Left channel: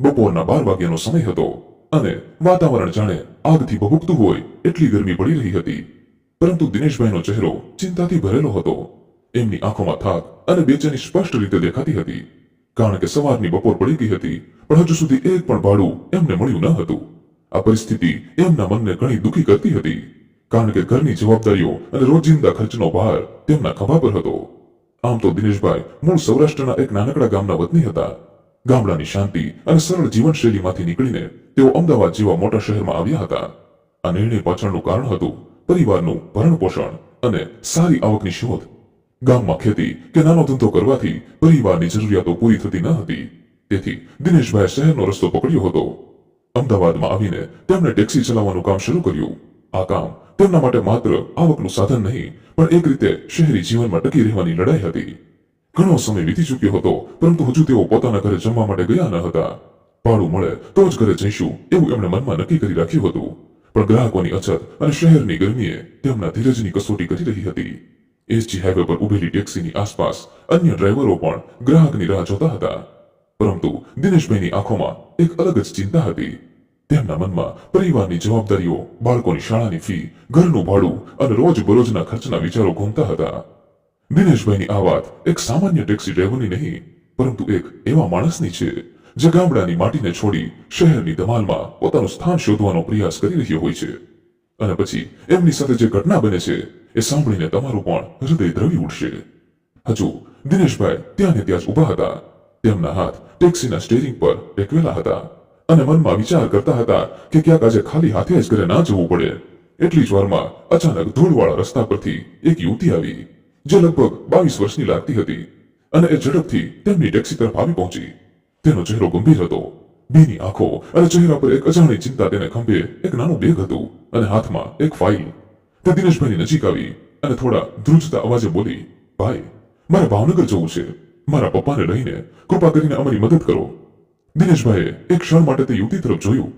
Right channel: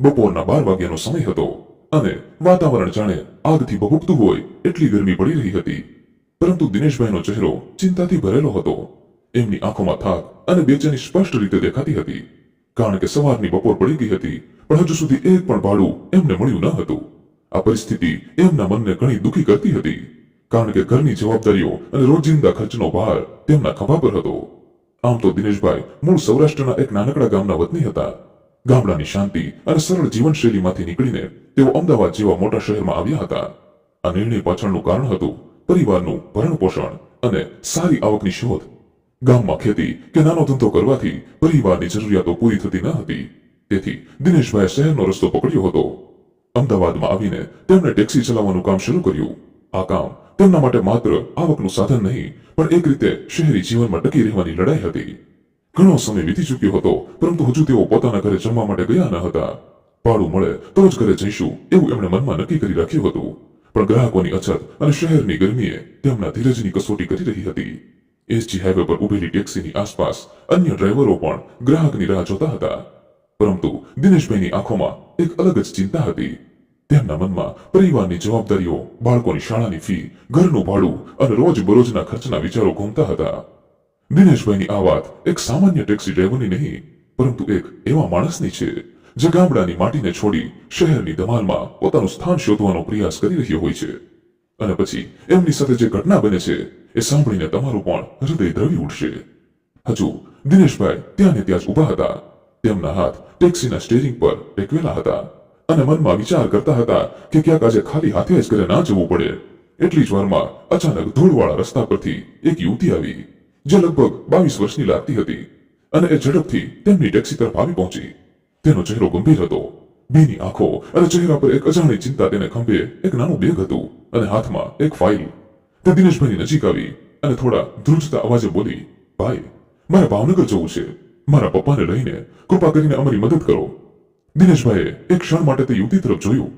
બપોરના 12 વાગ્યાનો સમય હતો અને વાતાવરણ જાણે આગથી ભભૂકતું હોય એટલી ગરમી પડી રહી હતી. પરંતુ દિનેશભાઈનો ચહેરો ચિંતાથી ભરેલો હતો. એમની આંખોમાં થાક અને બેચેની સ્પષ્ટ રીતે દેખાતી હતી. કારણ કે સવારની બપોર પડી ગઈ હતી, પણ હજુ સુધી એક પણ ભાડું એમને મળ્યું ન હતું. આ પરિસ્થિતિ એમના મનને ઘણી દુઃખી કરતી હતી. કારણ કે ઘરની જવાબદારીઓ અને રોજિંદા ખર્ચનો ભાર તેમના ખભા પર હતો. આમ તો દિનેશભાઈ મૂળ સૌરાષ્ટ્રના એક નાનકડા ગામના વતની હતા. ગામડાની શાંતિ અને સરળ જીવનશૈલીમાંથી નીકળીને તેઓ અમદાવાદ જેવા મોટા શહેરમાં આવ્યા હતા. આ નિર્ણય પાછળનું કારણ હતું પરિવારનું ભરણપોષણ અને સારી આવકની શોધ. ગામમાં ખેતી કે નાનો ધંધો કરવાથી પરિવારની જરૂરિયાતો પૂરી થતી ન હતી. તેથી દિનેશભાઈએ શહેરનો રસ્તો પકડ્યો હતો. અમદાવાદમાં આવીને તેમણે ટેક્સી ચલાવવાનું કામ શરૂ કર્યું. આ કામ તેમના માટે માત્ર આવકનું સાધન નહીં, પણ એક રીતે શહેરી જીવનમાં ટકી રહેવાની લડાઈ હતી. ઘણો સમય વીતી ચૂક્યો હતો, પરંતુ હજુ તેઓ પોતાના ઘરે જમવા માટે ગયા ન હતા. ભાડું મળે તો જ ઘરે જઈશું એવું એમણે મનમાં નક્કી કરી રાખ્યું હતું. પણ ગ્રાહકોની અછત અને શહેરની ગરમીએ તેમના ધીરજની કસોટી કરી રહી હતી. એસજી હાઈવે પર ઉભેલી ટેક્સીની આસપાસ અન્ય ડ્રાઈવરો પણ ગ્રાહકની રાહ જોતા હતા. પરંતુ દિનેશભાઈની આંખોમાં એક અલગ જ ચિંતા હતી. તેમના મનમાં પરિવારની જવાબદારીઓ, બાળકોની શાળાની ફી, ઘરનું ભાડું અને રોજબરોજના ખર્ચના વિચારો ઘૂમતા હતા. દિનેશભાઈની આ વાત એક સામાન્ય ટેક્સી ડ્રાઈવરની નહીં, પરંતુ એક એવા માણસની છે જે ગામડાની માટીને છોડી શહેરની ધમાલમાં પોતાનું સ્થાન શોધવાનો પ્રયાસ કરી રહ્યો હોય છે. અને પછી એમની સાથે જે ઘટના બને છે એ સાંભળીને તમારું પણ હૃદય દ્રવી ઉઠશે. હજુ દિનેશભાઈ ત્યાં ને ત્યાં જ ઊભા હતા. તેમના હાથ ટેક્સીના સ્ટીયરિંગ પર ટેકવેલા હતા અને મનમાં વિચાર કરતા હતા કે ક્યાંક આજે ખાલી હાથે જ ઘરે ના જવું પડે. એટલી જ વારમાં અચાનક ધૂળવાળા રસ્તા પરથી એક યુવતી આવી, જે લગભગ 22 વર્ષની લાગતી હતી અને એ ઝડપથી તેમની ટેક્સી તરફ આવી પહોંચી. તેનો ચહેરો ગંભીર હતો. બેની આંખો અને ચહેરા પર એક અજાણી ચિંતા. તેને ખંભે એક નાનું બેગ હતું અને હાથમાં એક ફાઇલ. તે દિનેશભાઈની નજીક આવી અને થોડા ધ્રુજતા અવાજે બોલી, ભાઈ, મારે ભાવનગર જવું છે. મારા પપ્પાને લઈને કૃપા કરીને અમારી મદદ કરો. દિનેશભાઈએ એક ક્ષણ માટે તે યુવતી તરફ જોયું.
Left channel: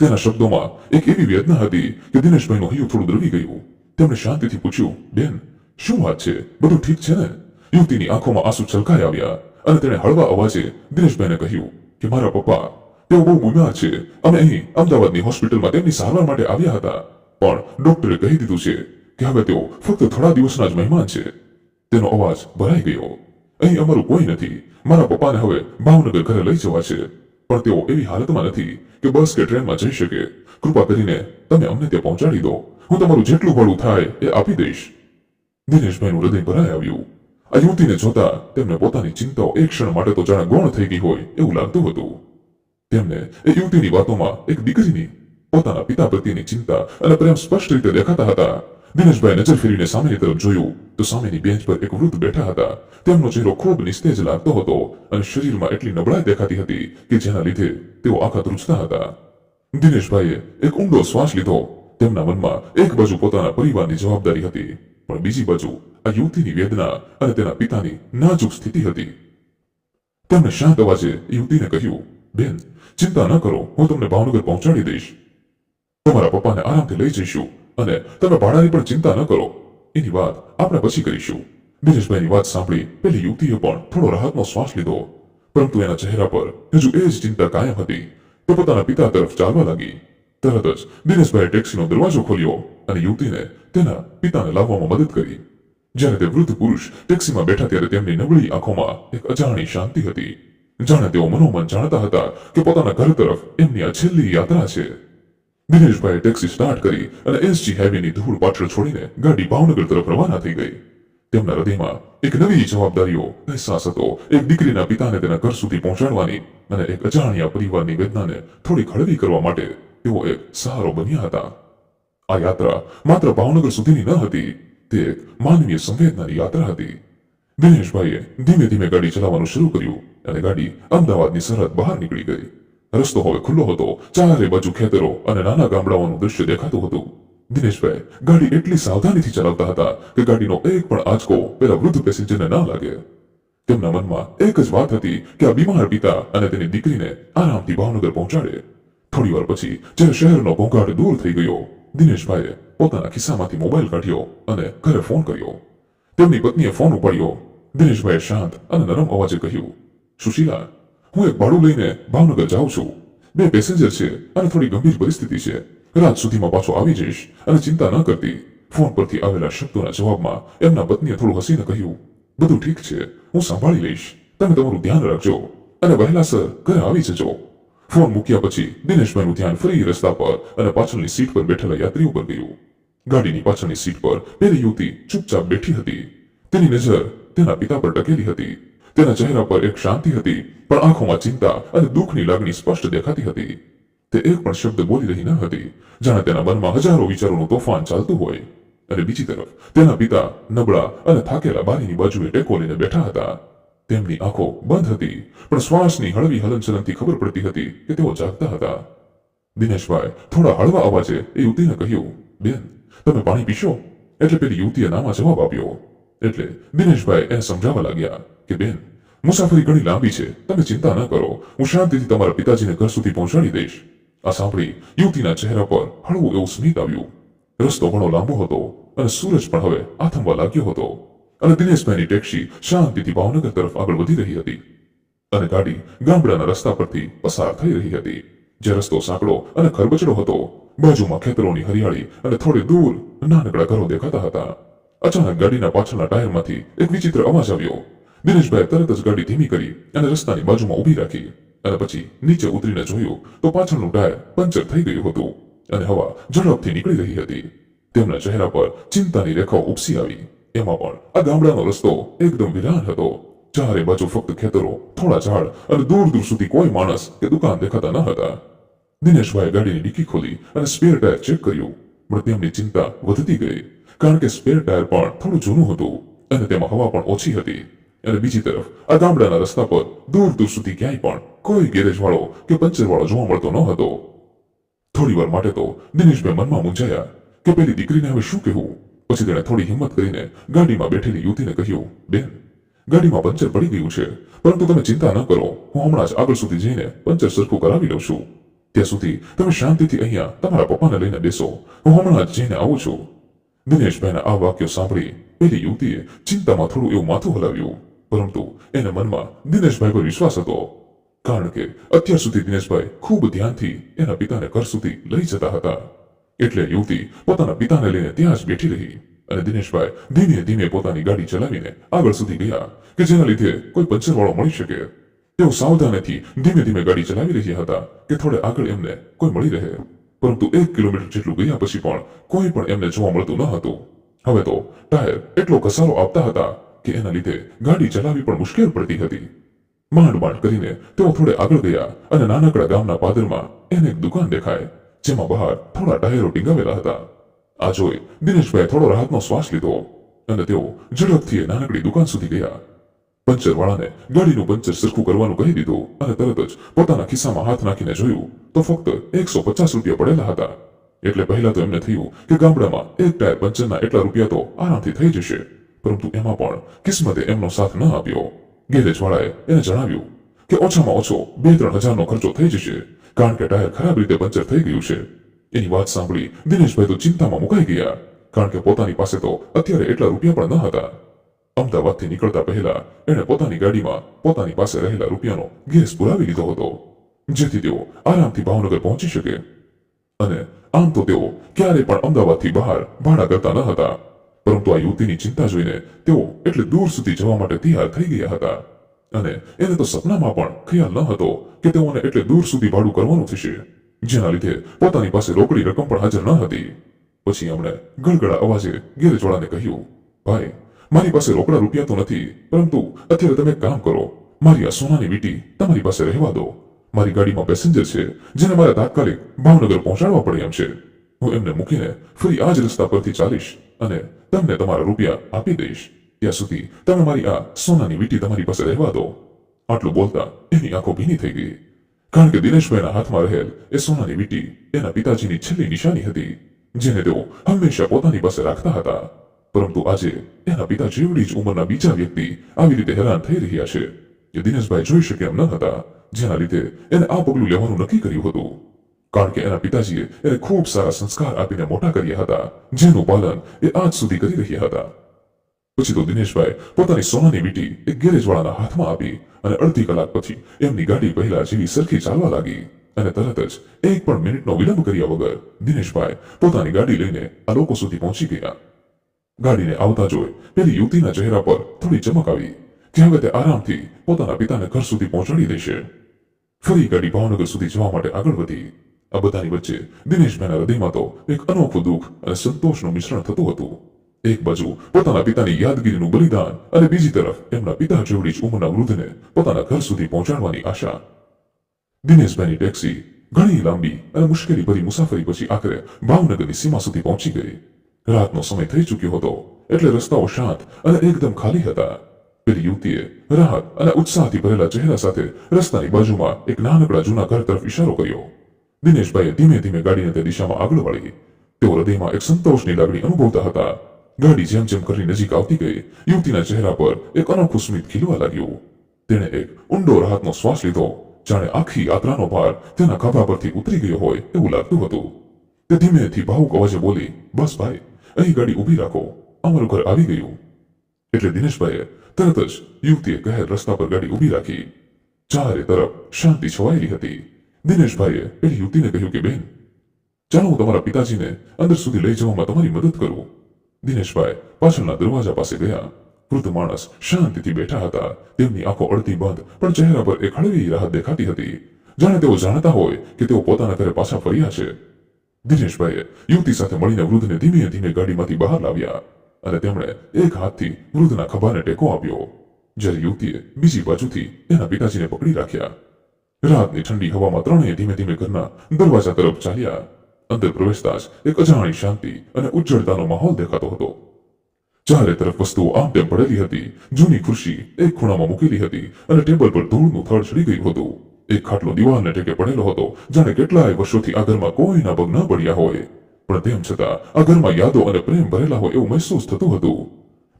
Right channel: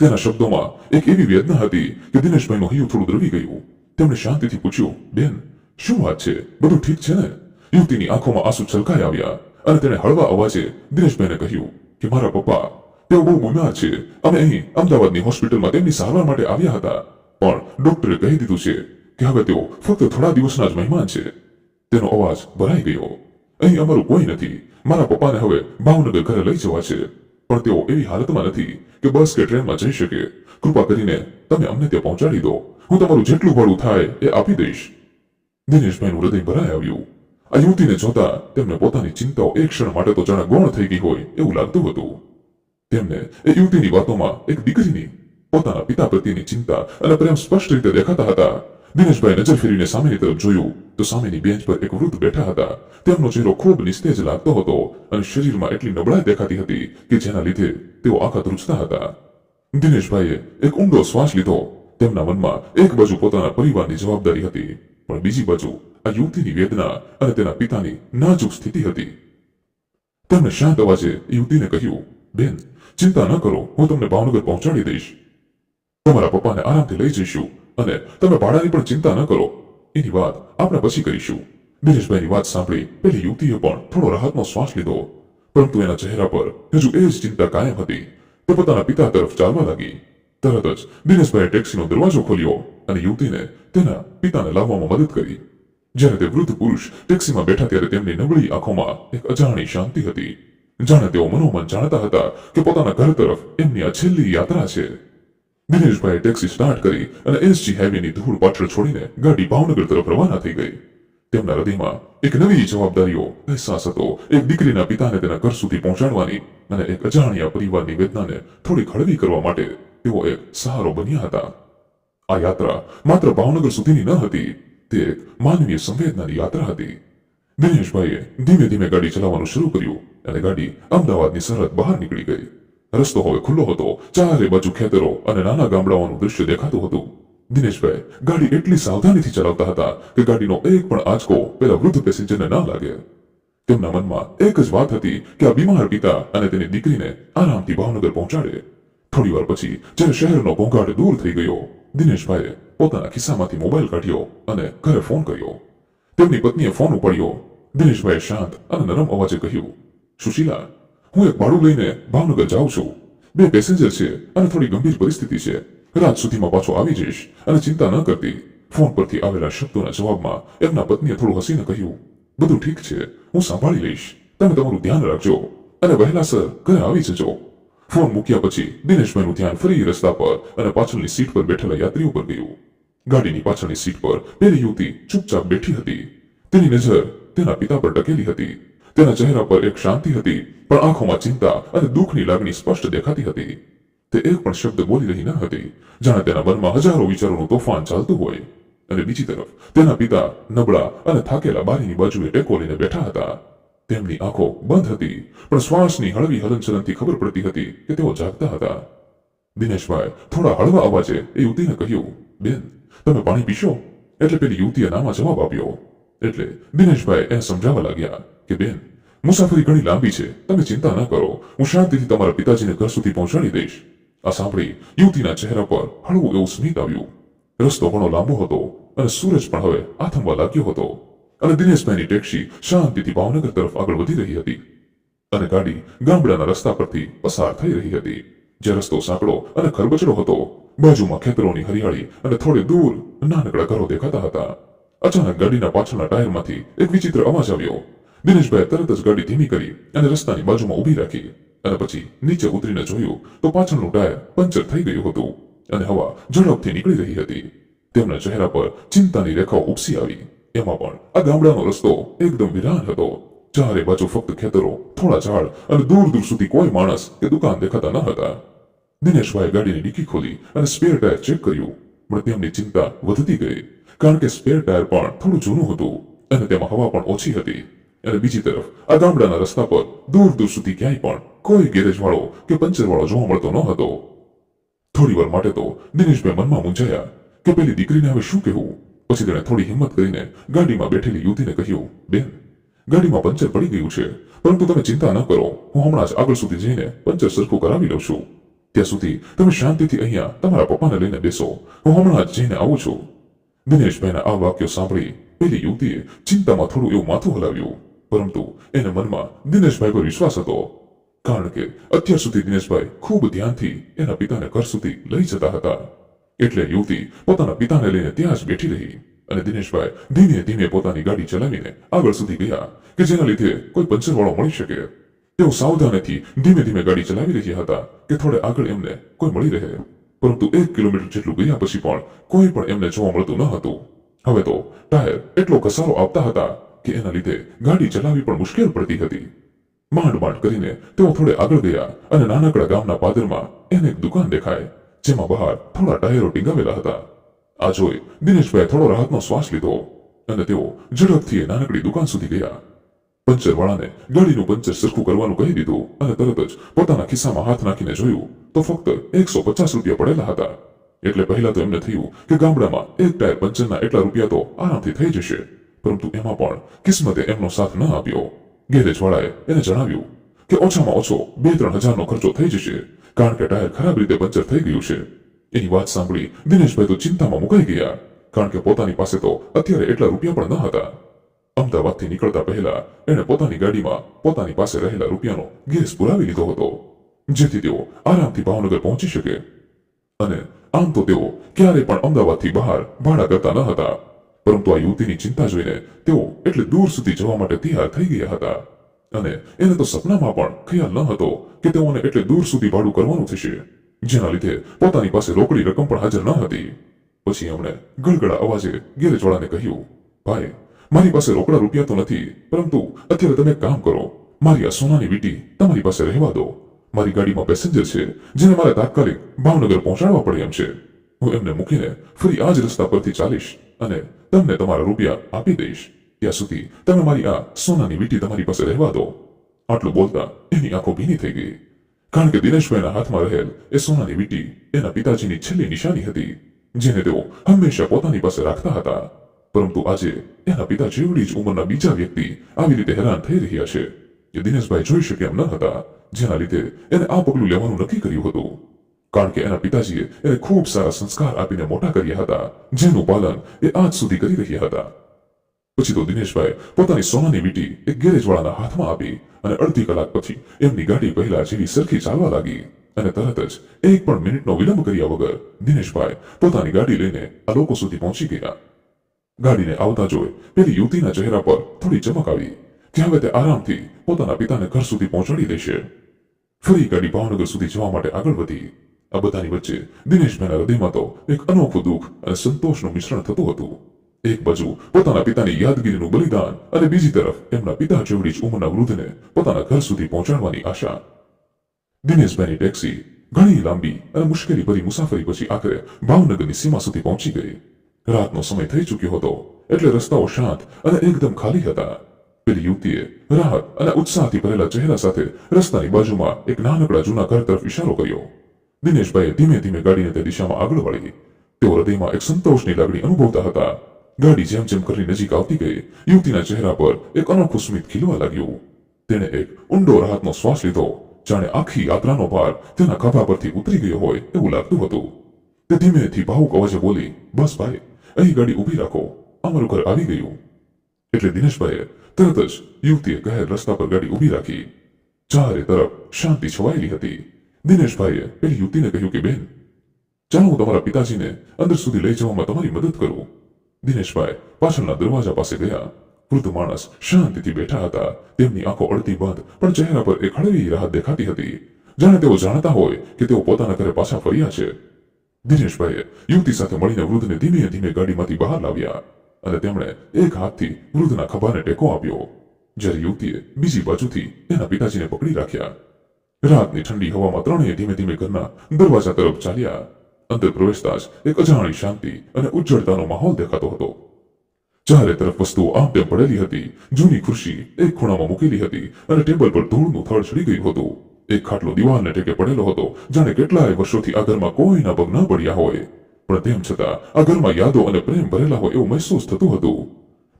તેના શબ્દોમાં એક એવી વેદના હતી કે દિનેશભાઈનું હૈયું થોડું દ્રવી ગયું. તેમણે શાંતિથી પૂછ્યું, બેન, શું વાત છે? બધું ઠીક છે ને? યુવતીની આંખોમાં આંસુ છલકાઈ આવ્યા અને તેણે હળવા અવાજે દિનેશભાઈને કહ્યું કે મારા પપ્પા, તેઓ બહુ બીમાર છે. અમે અહીં અમદાવાદની હોસ્પિટલમાં તેમની સારવાર માટે આવ્યા હતા, પણ ડોક્ટરે કહી દીધું છે કે હવે તેઓ ફક્ત થોડા દિવસના જ મહેમાન છે. તેનો અવાજ ભરાઈ ગયો. અહીં અમારું કોઈ નથી. મારા પપ્પાને હવે ભાવનગર ઘરે લઈ જવા છે, પણ તેઓ એવી હાલતમાં નથી કે બસ કે ટ્રેનમાં જઈ શકે. કૃપા કરીને તમે અમને ત્યાં પહોંચાડી દો. હું તમારું જેટલું ભાડું થાય એ આપી દઈશ. દિનેશભાઈનું હૃદય ભરાઈ આવ્યું. આ યુવતીને જોતા તેમને પોતાની ચિંતાઓ એક ક્ષણ માટે તો જાણે ગૌણ થઈ ગઈ હોય એવું લાગતું હતું. તેમને એ યુવતીની વાતોમાં એક દીકરીની, પોતાના પિતા પ્રત્યેની ચિંતા અને પ્રેમ સ્પષ્ટ રીતે દેખાતા હતા. દિનેશભાઈ નજર ફેરીને સામેની તરફ જોયું તો સામેની બેન્ચ પર એક વૃદ્ધ બેઠા હતા. તેમનો ચહેરો ખૂબ નિસ્તેજ લાગતો હતો અને શરીરમાં એટલી નબળાઈ દેખાતી હતી કે જેના લીધે તેઓ આખા ધ્રુજતા હતા. દિનેશભાઈએ એક ઊંડો શ્વાસ લીધો. તેમના મનમાં એક બાજુ પોતાના પરિવારની જવાબદારી હતી, પણ બીજી બાજુ આ યુવતીની વેદના અને તેના પિતાની નાજુક સ્થિતિ હતી. તેમણે શાંત અવાજે યુવતીને કહ્યું, બેન, ચિંતા ન કરો, હું તમને ભાવનગર પહોંચાડી દઈશ. તમારા પપ્પાને આરામથી લઈ જઈશું અને તમે ભાડાની પણ ચિંતા ન કરો. એની વાત આપણે પછી કરીશું. દિનેશભાઈની વાત સાંભળી પેલી યુવતીએ પણ થોડો રાહતનો શ્વાસ લીધો, પરંતુ એના ચહેરા પર હજુ એ જ ચિંતા કાયમ હતી. તે પોતાના પિતા તરફ ચાલવા લાગી. તરત જ દિનેશભાઈએ ટેક્સીનો દરવાજો ખોલ્યો અને યુવતીને તેના પિતાને લાવવામાં મદદ કરી. જ્યારે તે વૃદ્ધ પુરુષ ટેક્સીમાં બેઠા ત્યારે તેમની નબળી આંખોમાં એક અજાણી શાંતિ હતી. જાણે તેઓ મનોમન જાણતા હતા કે પોતાના ઘર તરફ એમની આ છેલ્લી યાત્રા છે. દિનેશભાઈએ ટેક્સી સ્ટાર્ટ કરી અને એસજી હાઈવેની ધૂળ પાછળ છોડીને ગાડી ભાવનગર તરફ રવાના થઈ ગઈ. તેમના હૃદયમાં એક નવી જવાબદારીઓ અહેસાસ હતો. એક દીકરીના પિતાને તેના ઘર સુધી પહોંચાડવાની અને એક અજાણ્યા પરિવારની વેદનાને થોડી હળવી કરવા માટે તેઓ એક સહારો બન્યા હતા. આ યાત્રા માત્ર ભાવનગર સુધીની ન હતી, તે એક માનવીય સંવેદનાની યાત્રા હતી. દિનેશભાઈએ ધીમે ધીમે ગાડી ચલાવવાનું શરૂ કર્યું અને ગાડી અમદાવાદની સરહદ બહાર નીકળી ગઈ. રસ્તો હવે ખુલ્લો હતો. ચારે બાજુ ખેતરો અને નાના ગામડાઓનું દૃશ્ય દેખાતું હતું. દિનેશભાઈ ગાડી એટલી સાવધાનીથી ચલાવતા હતા કે ગાડીનો એક પણ આંચકો પેલા વૃદ્ધ પેસેન્જરને ના લાગે. તેમના મનમાં એક જ વાત હતી કે આ બીમાર પિતા અને તેની દીકરીને આરામથી ભાવનગર પહોંચાડે. થોડી વાર પછી જ્યારે શહેરનો ઘોંઘાટ દૂર થઈ ગયો, દિનેશભાઈએ પોતાના ખિસ્સામાંથી મોબાઈલ કાઢ્યો અને ઘરે ફોન કર્યો. તેમની પત્નીએ ફોન ઉપાડ્યો. દિનેશભાઈએ શાંત અને નરમ અવાજે કહ્યું, સુશીલા, હું એક ભાડું લઈને ભાવનગર જાઉં છું. 2 પેસેન્જર છે અને થોડી ગંભીર પરિસ્થિતિ છે. રાત સુધીમાં પાછો આવી જઈશ અને ચિંતા ન કરતી. ફોન પરથી આવેલા શબ્દોના જવાબમાં એમના પત્નીએ થોડું હસીને કહ્યું, બધું ઠીક છે, હું સંભાળી લઈશ. તમે તમારું ધ્યાન રાખજો અને વહેલાસર ઘરે આવી જજો. ફોન મૂક્યા પછી દિનેશભાઈનું ધ્યાન ફરી રસ્તા પર અને પાછળની સીટ પર બેઠેલા યાત્રીઓ પર ગયું. ગાડીની પાછળની સીટ પર પેલી યુવતી ચૂપચાપ બેઠી હતી. તેની નજર તેના પિતા પર ટકેલી હતી. તેના ચહેરા પર એક શાંતિ હતી, પણ આંખોમાં ચિંતા અને દુઃખની લાગણી સ્પષ્ટ દેખાતી હતી. તે એક પણ શબ્દ બોલી રહી ન હતી, જાણે તેના મનમાં હજારો વિચારોનું તોફાન ચાલતું હોય. અને બીજી તરફ તેના પિતા નબળા અને થાકેલા બારીની બાજુએ ટેકો લઈને બેઠા હતા. તેમની આંખો બંધ હતી, પણ શ્વાસની હળવી હલનચલનથી ખબર પડતી હતી કે તેઓ જાગતા હતા. દિનેશભાઈ થોડા હળવા અવાજે એ યુવતીને કહ્યું, બેન, તમે પાણી પીશો? એટલે પેલી યુવતીએ નામાં જવાબ આપ્યો. એટલે દિનેશભાઈ એને સમજાવવા લાગ્યા કે બેન, મુસાફરી ઘણી લાંબી છે, તમે ચિંતા ન કરો, હું શાંતિથી તમારા પિતાજીને ઘર સુધી પહોંચાડી દઈશ. આ સાંભળી યુવતીના ચહેરા પર હળવું એવું સ્મિત આવ્યું. રસ્તો ઘણો લાંબો હતો અને સૂરજ પણ હવે આથમવા લાગ્યો હતો અને દિનેશભાઈની ટેક્સી શાંતિથી ભાવનગર તરફ આગળ વધી રહી હતી અને ગાડી ગામડાના રસ્તા પરથી પસાર થઈ રહી હતી. જે રસ્તો સાંકડો અને ખરબચડો હતો, બાજુમાં ખેતરોની હરિયાળી અને થોડે દૂર નાનકડા ઘરો દેખાતા હતા. અચાનક ગાડીના પાછળના ટાયરમાંથી એક વિચિત્ર અવાજ આવ્યો. દિનેશભાઈએ તરત જ ગાડી ધીમી કરી અને રસ્તાની બાજુમાં ઊભી રાખી અને પછી નીચે ઉતરીને જોયું તો પાછળનું ટાયર પંચર થઈ ગયું હતું અને હવા ઝડપથી નીકળી રહી હતી. તેમના ચહેરા પર ચિંતાની રેખાઓ ઉપસી આવી. એમાં પણ આ ગામડાનો રસ્તો એકદમ વિરાન હતો. ચારે બાજુ ફક્ત ખેતરો, થોડા ઝાડ અને દૂર દૂર સુધી કોઈ માણસ કે દુકાન દેખાતા ન હતા. દિનેશભાઈએ ગાડીની ડિક્કી ખોલી અને સ્પેર ટાયર ચેક કર્યું, પણ તેમની ચિંતા વધતી ગઈ, કારણ કે સ્પેર ટાયર પણ થોડું જૂનું હતું અને તેમાં હવા પણ ઓછી હતી. અને બીજી તરફ આ ગામડાના રસ્તા પર દૂર દૂર સુધી ક્યાંય પણ કોઈ ગેરેજ વાળો કે પંચર વાળો જોવા મળતો ન હતો. થોડી વાર માટે તો દિનેશભાઈ મનમાં મૂંઝાયા કે પેલી દીકરીને હવે શું કહેવું. પછી તેણે થોડી હિંમત કરીને ગાડીમાં બેઠેલી યુવતીને કહ્યું, બેન, ગાડીમાં પંચર પડી ગયું છે, પરંતુ તમે ચિંતા ન કરો, હું હમણાં જ આગળ સુધી જઈને પંચર સરખું કરાવી લઉં છું. ત્યાં સુધી તમે શાંતિથી અહીંયા તમારા પપ્પાને લઈને બેસો, હું હમણાં જ જઈને આવું છું. દિનેશભાઈના આ વાક્યો સાંભળી પેલી યુવતીએ ચિંતામાં થોડું એવું માથું હલાવ્યું, પરંતુ એને મનમાં દિનેશભાઈ પર વિશ્વાસ હતો, કારણ કે અત્યાર સુધી દિનેશભાઈ ખૂબ ધ્યાનથી એના પિતાને ઘર સુધી લઈ જતા હતા. એટલે યુવતી પોતાના પિતાને લઈને ત્યાં જ બેઠી રહી અને દિનેશભાઈ ધીમે ધીમે પોતાની ગાડી ચલાવીને આગળ સુધી ગયા કે જેના લીધે કોઈ પંચરવાળો મળી શકે. તેઓ સાવધાનીથી ધીમે ધીમે ગાડી ચલાવી રહ્યા હતા કે થોડે આગળ એમને કોઈ મળી રહે, પરંતુ 1 કિલોમીટર જેટલું ગયા પછી પણ કોઈ પણ એમને જોવા મળતું ન હતું. હવે તો ટાયર એટલો ઘસારો આપતા હતા કે એના લીધે ગાડી ચલાવવી પણ મુશ્કેલ પડતી હતી. માંડ માંડ કરીને તેઓ થોડે આગળ ગયા અને નાનકડા ગામના પાદરમાં એને એક દુકાન દેખાય, જેમાં બહાર થોડા ટાયરો ટીંગાવેલા હતા. આ જોઈ દિનેશભાઈએ થોડો રાહતનો શ્વાસ લીધો અને તેઓ ઝડપથી એ નાનકડી દુકાન સુધી ગયા. પંચરવાળાને ગાડીનું પંચર સરખું કરવાનું કહી દીધું અને તરત જ પોતાના ખિસ્સામાં હાથ નાખીને જોયું તો ફક્ત 150 રૂપિયા પડેલા હતા. એટલે પહેલા તો એમને થયું કે ગામડામાં એક ટાયર પંચરના એટલા રૂપિયા તો આરામથી થઈ જશે, પરંતુ એમાં પણ કિસ્મતે એમનો સાથ ન આપ્યો. ગેરેજવાળાએ એને જણાવ્યું કે ઓછામાં ઓછો 2-3 હજારનો ખર્ચો થઈ જશે, કારણ કે ટાયર ખરાબ રીતે પંચર થઈ ગયું છે. એની વાત સાંભળી દિનેશભાઈ તો ચિંતામાં મુકાઈ ગયા, કારણ કે પોતાની પાસે તો અત્યારે એટલા રૂપિયા પણ ન હતા. અમદાવાદથી નીકળતા પહેલા એણે પોતાની ગાડીમાં પોતાની પાસે રહેલા રૂપિયાનો ગેસ પુરાવી લીધો હતો, જેથી તેઓ આરામથી ભાવનગર પહોંચી શકે. અને આમ તો તેઓ ક્યારેય પણ અમદાવાદથી બહાર ભાડા કરતા ન હતા, પરંતુ આ યુવતીની ચિંતા જોઈને તેઓ એટલે દૂર સુધી જવા માટે તૈયાર થઈ ગયા હતા. અને એને તો સપનામાં પણ ખ્યાલ ન હતો કે તેઓને એટલે દૂર સુધી ભાડું કરવાનું થશે, જેના લીધે પોતાની પાસે રોકડી રકમ પણ હાજર ન હતી. પછી એમણે ગળગળા અવાજે ગેરેજવાળાને કહ્યું, ભાઈ, મારી પાસે રોકડા રૂપિયા તો નથી, પરંતુ અત્યારે તમે એક કામ કરો, મારી આ સોનાની વીંટી તમારી પાસે રહેવા દો. મારી ગાડીમાં પેસેન્જર છે જેને મારે તાત્કાલિક ભાવનગર પહોંચાડવા પડે એમ છે. હું એમને મૂકીને ફરી આ જ રસ્તા પરથી ચાલીશ અને તમને તમારા રૂપિયા આપી દઈશ. ત્યાં સુધી તમે મારી આ સોનાની વીંટી તમારી પાસે રહેવા દો. આટલું બોલતા એની આંખો ભીની થઈ ગઈ, કારણ કે દિનેશભાઈના હાથમાં રહેલ એ સોનાની વીંટી એના પિતાજીની છેલ્લી નિશાની હતી, જેને તેઓ હંમેશા પોતાની પાસે રાખતા હતા. પરંતુ આજે એના પિતા જેવડી જ ઉંમરના બીજા વ્યક્તિ આવી રીતે હેરાન થઈ રહ્યા છે એ દિનેશભાઈ જોઈ શકે એમ ન હતા, જેના લીધે એને આ પગલું લેવાનું નક્કી કર્યું હતું. કારણ કે એના પિતાજીએ એને ખૂબ સારા સંસ્કાર આપીને મોટા કર્યા હતા, જેનું પાલન એ આજ સુધી કરી રહ્યા હતા. પછી તો દિનેશભાઈ પોતાની સોનાની વીંટી એક ગેરેજવાળાના હાથમાં આપી અને અડધી કલાક પછી એમની ગાડી પહેલા જેવી સરખી ચાલવા લાગી અને તરત જ એક પણ મિનિટનો વિલંબ કર્યા વગર દિનેશભાઈ પોતાની ગાડી લઈને આ લોકો સુધી પહોંચી ગયા. ગાડીને આવતા જોઈ પેલી યુવતીના ચહેરા પર થોડી ચમક આવી કે હવે તે આરામથી પોતાના પિતાને ઘર સુધી પહોંચાડી દેશે. ફરી ગાડી ભાવનગર સુધી જવા માટે આગળ વધી. આ બધાની વચ્ચે દિનેશભાઈના હૃદયમાં તો એક અનોખું દુઃખ અને સંતોષનું મિશ્રણ થતું હતું. એક બાજુ પોતાના પિતાની યાદગીરીનું બલિદાન અને બીજી તરફ એમના પિતા જેવડી જ ઉંમરના વૃદ્ધને પોતાના ઘર સુધી પહોંચાડવાની આશા. દિનેશભાઈની ટેક્સી ઘણી લાંબી અને મુશ્કેલી ભરી મુસાફરી પછી આખરે ભાવનગરની સીમા સુધી પહોંચી ગઈ. રાતનો સમય થઈ ચૂક્યો હતો એટલે રસ્તાઓ શાંત અને એકદમ ખાલી હતા. પેલી યુવતીએ રાહત અને ઉત્સાહથી ભરેલા ચહેરા સાથે રસ્તાની બાજુમાં એક નાનકડા જૂના ઘર તરફ ઇશારો કર્યો. દિનેશભાઈએ ધીમે ધીમે ગાડીને તે દિશામાં આગળ વાળી. તેઓ હૃદયમાં એક સંતોષની લાગણી અનુભવતા હતા. ગાડી જેમ જેમ કરીને નજીક આવતી ગઈ યુવતીના ચહેરા પર એક અનોખું સ્મિત ખીલવા લાગ્યું. તેણે એક ઊંડો રાહતનો શ્વાસ લીધો, જાણે આખી યાત્રાનો ભાર તેના ખભા પરથી ઉતરી ગયો હોય એવું લાગતું હતું. તે ધીમેથી ભાવુક અવાજે બોલી, બસ ભાઈ, અહીં ગાડી ઊભી રાખો, અમારું ઘર આવી ગયું. એટલે દિનેશભાઈએ તરત જ યુવતીએ કહેલ રસ્તા પર ગાડી ઊભી રાખી. ચારે તરફ શાંતિ છવાયેલી હતી. દિનેશભાઈએ પેલી યુવતીને કહ્યું કે બેન, ચાલો હું તમારા પિતાજીને અંદર સુધી લઈ જવામાં તમારી મદદ કરું. દિનેશભાઈ પાછળના દરવાજા પાસે ગયા. વૃદ્ધ માણસ શાંતિથી બેઠા હતા. તેમની આંખો અડધી બંધ પણ ચહેરા પર એક હળવી રાહત દેખાતી હતી, જાણે તેઓ જાણતા હોય કે તેઓ પોતાના ઘરે પાછા ફર્યા છે. દિનેશભાઈએ યુવતી સાથે મળીને વૃદ્ધને ધીમે ધીમે ગાડીમાંથી બહાર લાવ્યા અને તેમણે એક હાથથી વૃદ્ધના ખભાને ટેકો આપ્યો, જ્યારે યુવતીએ બીજી બાજુથી એના પિતાજીને પકડી રાખ્યા. રાતની ઠંડી હવામાં ત્રણેય ધીમે ધીમે ઘરના દરવાજા તરફ ચાલ્યા. અંદર પ્રવેશતા જ એક અજાણી શાંતિ અને ઉજ્જળતાનો માહોલ દેખાતો હતો. ચારે તરફ વસ્તુઓ આમ તેમ પડેલી હતી. જૂની ખુરશી એક ખૂણામાં મૂકેલી હતી અને ટેબલ પર ધૂળનું થડ ચડી ગયું હતું. એક ખાટલો દિવાલને ટેકે પડેલો હતો, જાણે કેટલાય વર્ષોથી આ ઘરમાં કોઈના પગ ન પડ્યા હોય, પણ તેમ છતાં આ ઘરમાં યાદો અને પ્રેમ ભરેલા હોય એવું મહેસૂસ થતું હતું.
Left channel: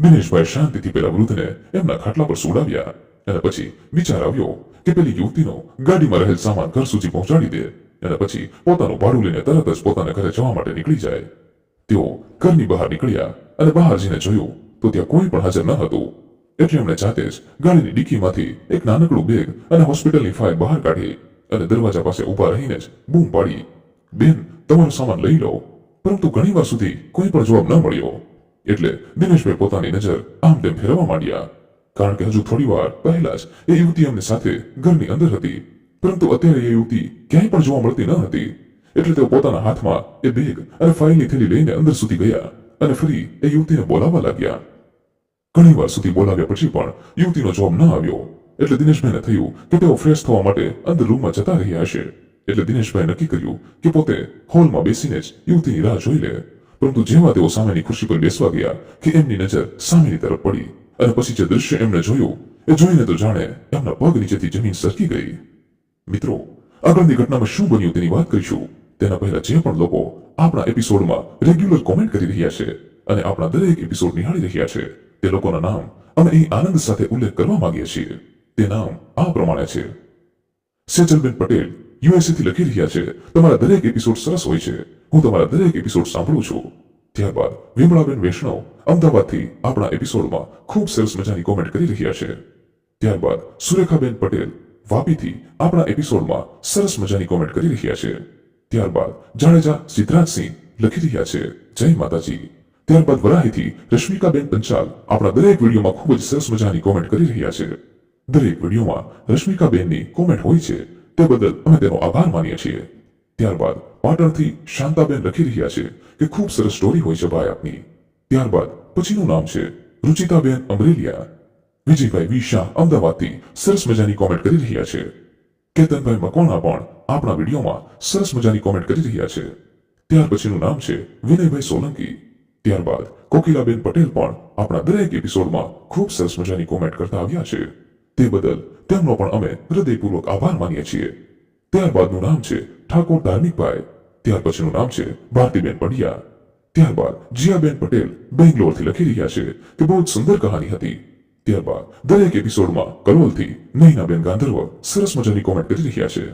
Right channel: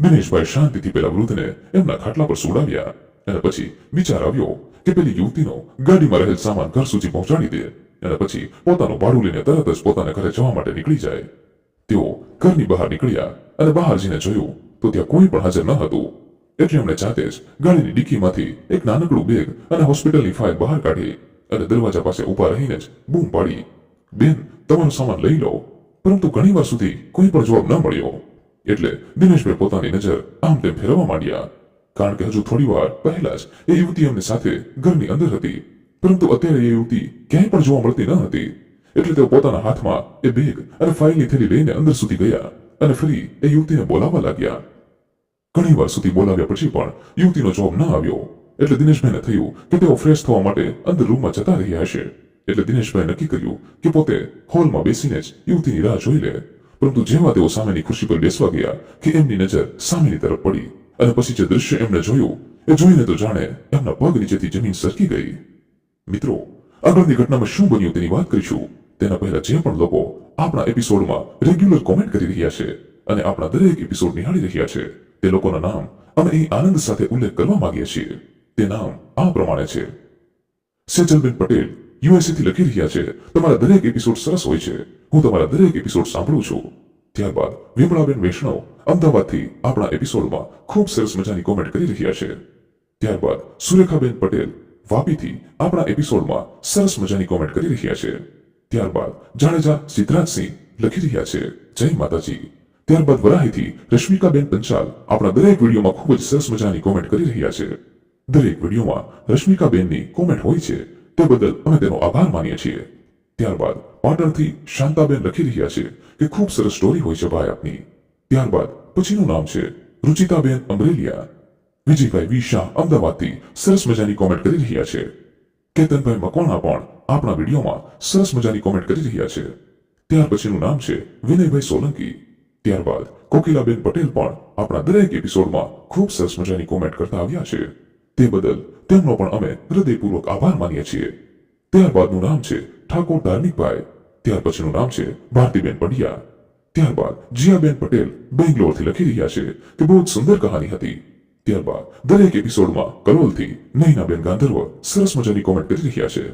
દિનેશભાઈ શાંતિથી પેલા વૃદ્ધને એમના ખાટલા પર સુડાવ્યા અને પછી વિચાર આવ્યો કે પેલી યુવતીનો ગાડીમાં રહેલ સામાન ઘર સુધી પહોંચાડી દે અને પછી પોતાનું ભાડું લઈને તરત જ પોતાના ઘરે જવા માટે નીકળી જાય. તેઓ ઘરની બહાર નીકળ્યા અને બહાર જઈને જોયું તો ત્યાં કોઈ પણ હાજર ન હતું. એટલે એમણે જાતે જ ગાડીની ડિક્કીમાંથી એક નાનકડું બેગ અને હોસ્પિટલની ફાઇલ બહાર કાઢી અને દરવાજા પાસે ઊભા રહીને જ બૂમ પાડી, બેન, તમારો સામાન લઈ લો. પરંતુ ઘણીવાર સુધી કોઈ પણ જવાબ ન મળ્યો. એટલે દિનેશભાઈ પોતાની નજર આમ તેમ ફેરવવા માંડ્યા, કારણ કે હજુ થોડી વાર પહેલા જ એ યુવતી એમની સાથે ઘરની અંદર હતી, પરંતુ અત્યારે એ યુવતી ક્યાંય પણ જોવા મળતી ન હતી. એટલે તેઓ પોતાના હાથમાં એ બેગ અને ફાઇલની થેલી લઈને અંદર સુધી ગયા અને ફરી એ યુવતીને બોલાવવા લાગ્યા. ઘણી વાર સુધી બોલાવ્યા પછી પણ યુવતીનો જવાબ ન આવ્યો. એટલે દિનેશભાઈને થયું કે તેઓ ફ્રેશ થવા માટે અંદર રૂમમાં જતા રહ્યા હશે. એટલે દિનેશભાઈ નક્કી કર્યું કે પોતે હોલમાં બેસીને જ યુવતીની રાહ જોઈ લે. પરંતુ જેવા તેઓ સામેની ખુરશી પર બેસવા ગયા કે એમની નજર સામેની તરફ પડી અને પછી જે દૃશ્ય એમણે જોયું એ જોઈને તો જાણે એમના પગ નીચેથી જમીન સરકી ગઈ. મિત્રો, આગળની ઘટનામાં શું બન્યું તેની વાત કરીશું. તેના પહેલા જે પણ લોકો આપણા એપિસોડમાં રેગ્યુલર કોમેન્ટ કરી રહ્યા છે અને આપણા દરેક એપિસોડ નિહાળી રહ્યા છે, તે લોકોના નામ અમે અહીં આનંદ સાથે ઉલ્લેખ કરવા માંગીએ છીએ. તે નામ આ પ્રમાણે છે. સેજલબેન પટેલ યુએસએ થી લખી રહ્યા છે, તમારા દરેક એપિસોડ સરસ હોય છે, હું તમારા દરેક એપિસોડ સાંભળું છું. ત્યારબાદ વિમળાબેન વૈષ્ણવ અમદાવાદથી આપણા એપિસોડમાં ખૂબ સરસ મજાની કોમેન્ટ કરી રહ્યા છે. ત્યારબાદ સુરેખાબેન પટેલ વાપીથી આપણા એપિસોડમાં સરસ મજાની કોમેન્ટ કરી રહ્યા છે. ત્યારબાદ જાડેજા સિદ્ધરાજસિંહ લખી રહ્યા છે, જય માતાજી. ત્યારબાદ વરાહીથી રશ્મિકાબેન પંચાલ આપણા દરેક વિડીયોમાં ખૂબ જ સરસ મજાની કોમેન્ટ કરી રહ્યા છે. દરેક વિડીયોમાં રશ્મિકાબેનની કોમેન્ટ હોય છે, તે બદલ અમે તેનો આભાર માનીએ છીએ. ત્યારબાદ પાટણથી શાંતાબેન લખી રહ્યા છે કે ખૂબ સરસ સ્ટોરી હોય છે ભાઈ આપની. ત્યારબાદ પછીનું નામ છે રુચિતાબેન અમરેલિયા. વિજયભાઈ વી શાહ અમદાવાદથી સરસ મજાની કોમેન્ટ કરી રહ્યા છે. કેતનભાઈ મકવાણા પણ આપણા વિડીયોમાં સરસ મજાની કોમેન્ટ કરી રહ્યા છે. ત્યાર પછીનું નામ છે વિનયભાઈ સોલંકી. ત્યારબાદ કોકિલાબેન પટેલ પણ આપણા દરેક એપિસોડમાં ખૂબ સરસ મજાની કોમેન્ટ કરતા આવ્યા છે. તે બદલ તેમનો પણ અમે હૃદયપૂર્વક આભાર માનીએ છીએ. ત્યારબાદનું નામ છે ઠાકોર ધાર્મિકભાઈ. ત્યાર પછીનું નામ છે ભારતીબેન પંડ્યા. ત્યારબાદ જીયાબેન પટેલ બેંગ્લોરથી લખી રહ્યા છે કે બહુ જ સુંદર કહાની હતી. ત્યારબાદ દરેક એપિસોડમાં કલોલથી નૈનાબેન ગાંધર્વ સરસ મજાની કોમેન્ટ કરી રહ્યા છે.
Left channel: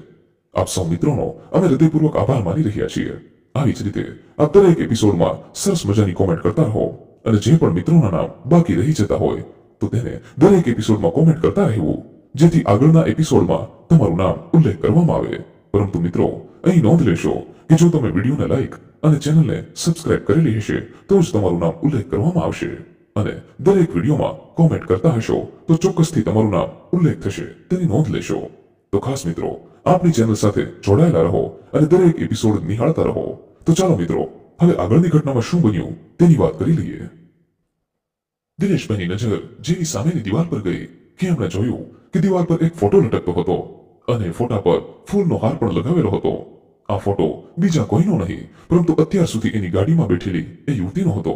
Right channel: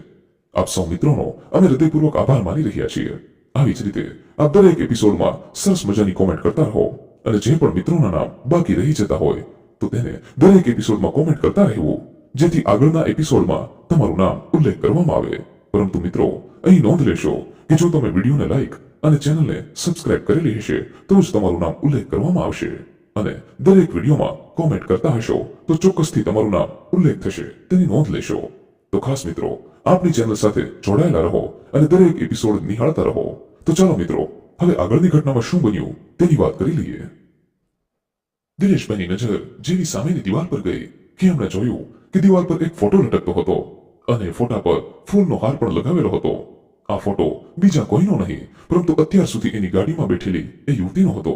આપ સૌ મિત્રોનો અમે હૃદયપૂર્વક આભાર માની રહ્યા છીએ. આવી જ રીતે આપ દરેક એપિસોડમાં સરસ મજાની કોમેન્ટ કરતા રહો અને જે પણ મિત્રોના નામ બાકી રહી જતા હોય તો તેને દરેક એપિસોડમાં કોમેન્ટ કરતા રહેવું, જેથી આગળના એપિસોડમાં તમારું નામ ઉલ્લેખ કરવામાં આવે. પરંતુ મિત્રો, અહીં નોંધ લેશો કે જો તમે વિડીયોને લાઈક અને ચેનલને સબસ્ક્રાઇબ કરેલી હશે તો જ તમારું નામ ઉલ્લેખ કરવામાં આવશે. અને દરેક વિડીયોમાં કોમેન્ટ કરતા હશો તો ચોક્કસથી તમારું નામ ઉલ્લેખ થશે, તેની નોંધ લેશો. તો ખાસ મિત્રો, આપણી ચેનલ સાથે જોડાયેલા રહો અને દરેક એપિસોડ નિહાળતા રહો. તો ચાલો મિત્રો, હવે આગળની ઘટનામાં શું બન્યું તેની વાત કરી લઈએ. દિનેશભાઈની નજર જેવી સામેની દિવાલ પર ગઈ કે એમણે જોયું કે દિવાલ પર એક ફોટો લટકતો હતો અને ફોટા પર ફૂલનો હાર પણ લગાવેલો હતો. આ ફોટો બીજા કોઈનો નહીં પરંતુ અત્યાર સુધી એની ગાડીમાં બેઠેલી એ યુવતીનો હતો.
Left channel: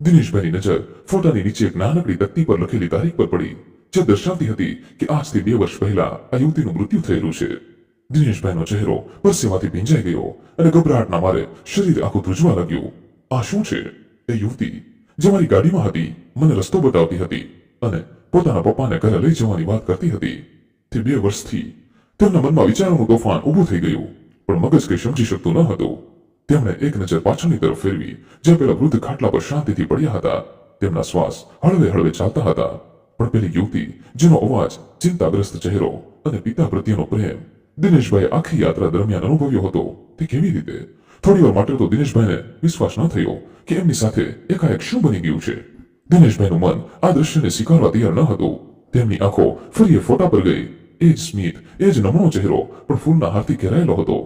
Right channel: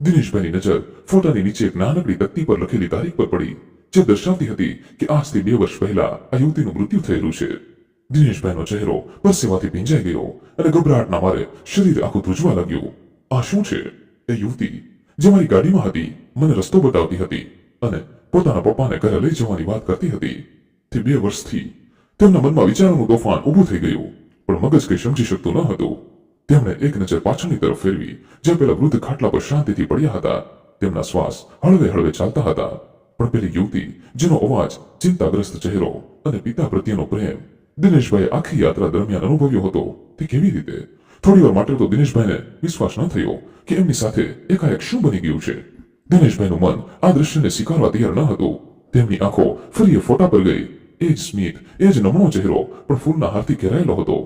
દિનેશભાઈની નજર ફોટાની નીચે એક નાનકડી તકતી પર લખેલી તારીખ પર પડી, જે દર્શાવતી હતી કે આજથી 2 વર્ષ પહેલા આ યુવતીનું મૃત્યુ થયેલું છે. દિનેશભાઈનો ચહેરો પરસેવાથી ભીંજાઈ ગયો અને ગભરાટના મારે શરીર આખું ધ્રુજવા લાગ્યું. આ શું છે? એ યુવતી જે મારી ગાડીમાં હતી, મને રસ્તો બતાવતી હતી અને પોતાના પપ્પાને ઘરે લઈ જવાની વાત કરતી હતી. તે 2 વર્ષથી તેમના મનમાં વિચારોનું તોફાન ઊભું થઈ ગયું, પણ મગજ કંઈ સમજી શકતું ન હતું. તેમણે એક નજર પાછળની તરફ ફેરવી, જ્યાં પેલા વૃદ્ધ ખાટલા પર શાંતિથી પડ્યા હતા. તેમના શ્વાસ હળવે હળવે ચાલતા હતા, પણ પેલી યુવતી જેનો અવાજ, ચિંતાગ્રસ્ત ચહેરો અને પિતા પ્રત્યેનો પ્રેમ દિનેશભાઈએ આખી યાત્રા દરમિયાન અનુભવ્યો હતો, તે કેવી રીતે? થોડીવાર માટે તો દિનેશભાઈને વિશ્વાસ ન થયો કે એમની સાથે એકાએક શું બની ગયું છે. દિનેશભાઈનું મન આ દ્રશ્યને સ્વીકારવા તૈયાર ન હતું. તેમની આંખો ફરી એ ફોટા પર ગઈ. એ જ સ્મિત, એ જ નમણો ચહેરો, પણ ફૂલના હારથી ઘેરાયેલો હતો.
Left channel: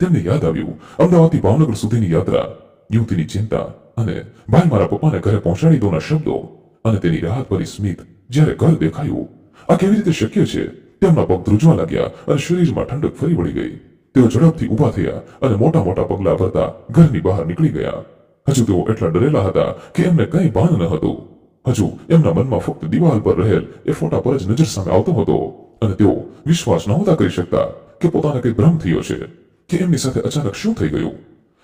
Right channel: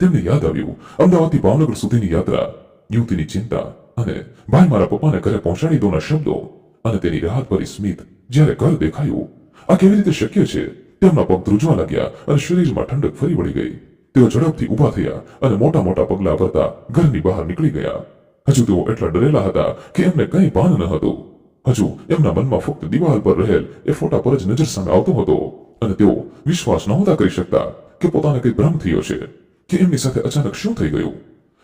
તેમને યાદ આવ્યું અમદાવાદથી ભાવનગર સુધીની યાત્રા, યુવતીની ચિંતા અને ભાઈ મારા પપ્પાને ઘરે પહોંચાડી દોના શબ્દો અને તેની રાહત ભરી સ્મિત જ્યારે ઘર દેખાયું. આ કેવી રીતે શક્ય છે? તેમના પગ ધ્રુજવા લાગ્યા અને શરીરમાં ઠંડક ફરી વળી ગઈ. તેઓ ઝડપથી ઊભા થયા અને મોટા મોટા પગલાં ભરતા ઘરની બહાર નીકળી ગયા. હજુ તેઓ એટલા ડરેલા હતા કે એમને કંઈ ભાન ન હતું. હજુ એમના મનમાં ફક્ત દિવાલ પર રહેલ એ ફોટા પર જ નજર સામે આવતો હતો અને તેઓ વિશ્વાસ નહોતા કરી શકતા કે પોતાને કંઈ ભ્રમ થયો છે કે એમની સાથે અચાનક શું થઈ ગયું.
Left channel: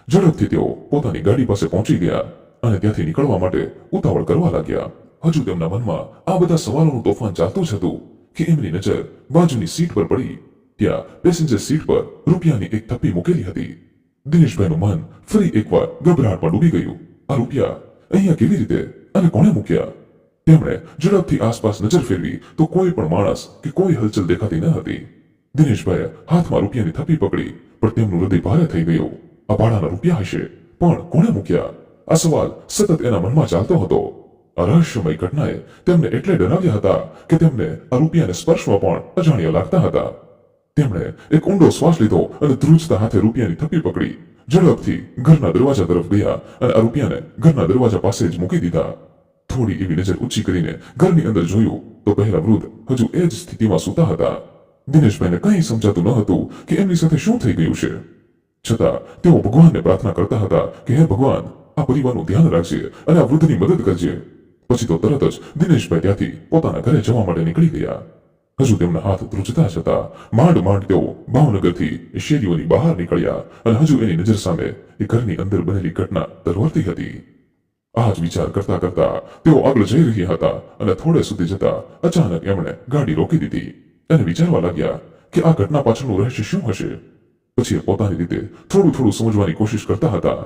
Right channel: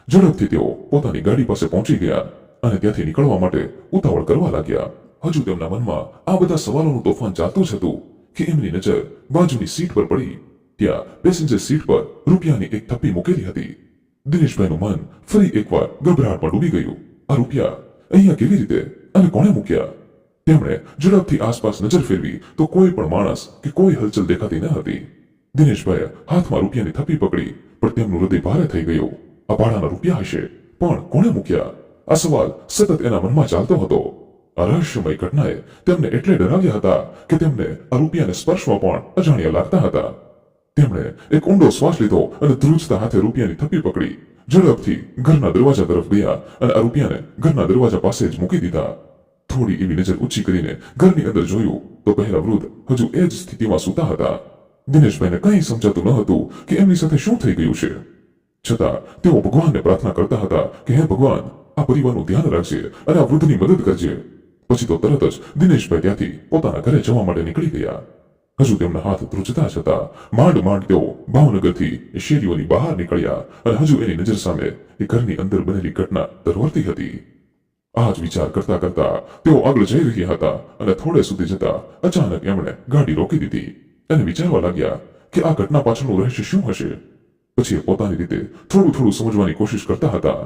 ઝડપથી તેઓ પોતાની ગાડી પાસે પહોંચી ગયા અને ત્યાંથી નીકળવા માટે ઉતાવળ કરવા લાગ્યા. હજુ તેમના મનમાં આ બધા સવાલોનું તોફાન ચાલતું જ હતું કે એમની નજર બાજુની સીટ પર પડી. ત્યાં પેસેન્જર સીટ પર રૂપિયાની એક થપ્પી મૂકેલી હતી. દિનેશભાઈનું મન ફરી એકવાર ગભરાટમાં ડૂબી ગયું. આ રૂપિયા અહીંયા કેવી રીતે અને કોણે મૂક્યા? તેમણે ઝડપથી આસપાસ નજર ફેરવી તો કોઈ પણ માણસ કે કોઈ હલચલ દેખાતી ન હતી. દિનેશભાઈએ હાથમાં રૂપિયાની થપ્પી પકડી, પણ તેમનું હૃદય ભારે થઈ ગયું. આ ભાડાના રૂપિયા હશે, પણ કોણે મૂક્યા? આ સવાલ સતત એના મનમાં ચાલતો હતો. આ રહસ્યમય ઘટનાએ તેમને એટલે ડરાવ્યા હતા કે તેમને આ રૂપિયાને સ્પર્શવા પણ અજાણ્યા લાગતા હતા. તેમણે એક ઊંડો શ્વાસ લીધો અને ધ્રુજતા હાથે રૂપિયાની થપ્પી પકડી ઝડપથી ઘરના દરવાજા તરફ ગયા અને આ રૂપિયાને ઘરના દરવાજા પાસે જ મૂકી દીધા. થોડી એવી નજર ઊંચી કરીને ઘરની અંદર જોયું તો પહેલા વૃદ્ધ હજુ એ જ સ્થિતિમાં સૂતા હતા. દિનેશભાઈને કંઈ સમજાતું ન હતું કે એમની સાથે શું થઈ ગયું છે. છતાં તેઓ ભગવાનને પ્રાર્થના કરતા હતા કે હે ભગવાન, આ પરિવારનું ધ્યાન રાખજે અને આ વૃદ્ધની મદદ કરજે. પછી તો તરત જ દિનેશભાઈ ત્યાંથી પોતાના ઘરે જવા માટે નીકળી ગયા. હજુ તેમના હાથ ધ્રુજતા જ હતા. માંડ માંડ તેઓ ભાવનગરથી શેરીઓની બહાર નીકળ્યા અને હજુ એની નજર સામે એ ઘરની અંદર બનેલી ઘટના તરવરતી હતી. આ જ વિચાર કરતા કરતા તેઓ આગળ જઈ રહ્યા હતા અને થોડે સુધી જતા અચાનક એમણે ગાડી રોકી દીધી અને વિચારવા લાગ્યા કે આ ઘટના પાછળનું રહસ્ય શું હશે. પછી એ પોતાની રીતે થોડું થોડું સમજવાની કોશિશ કરતા હતા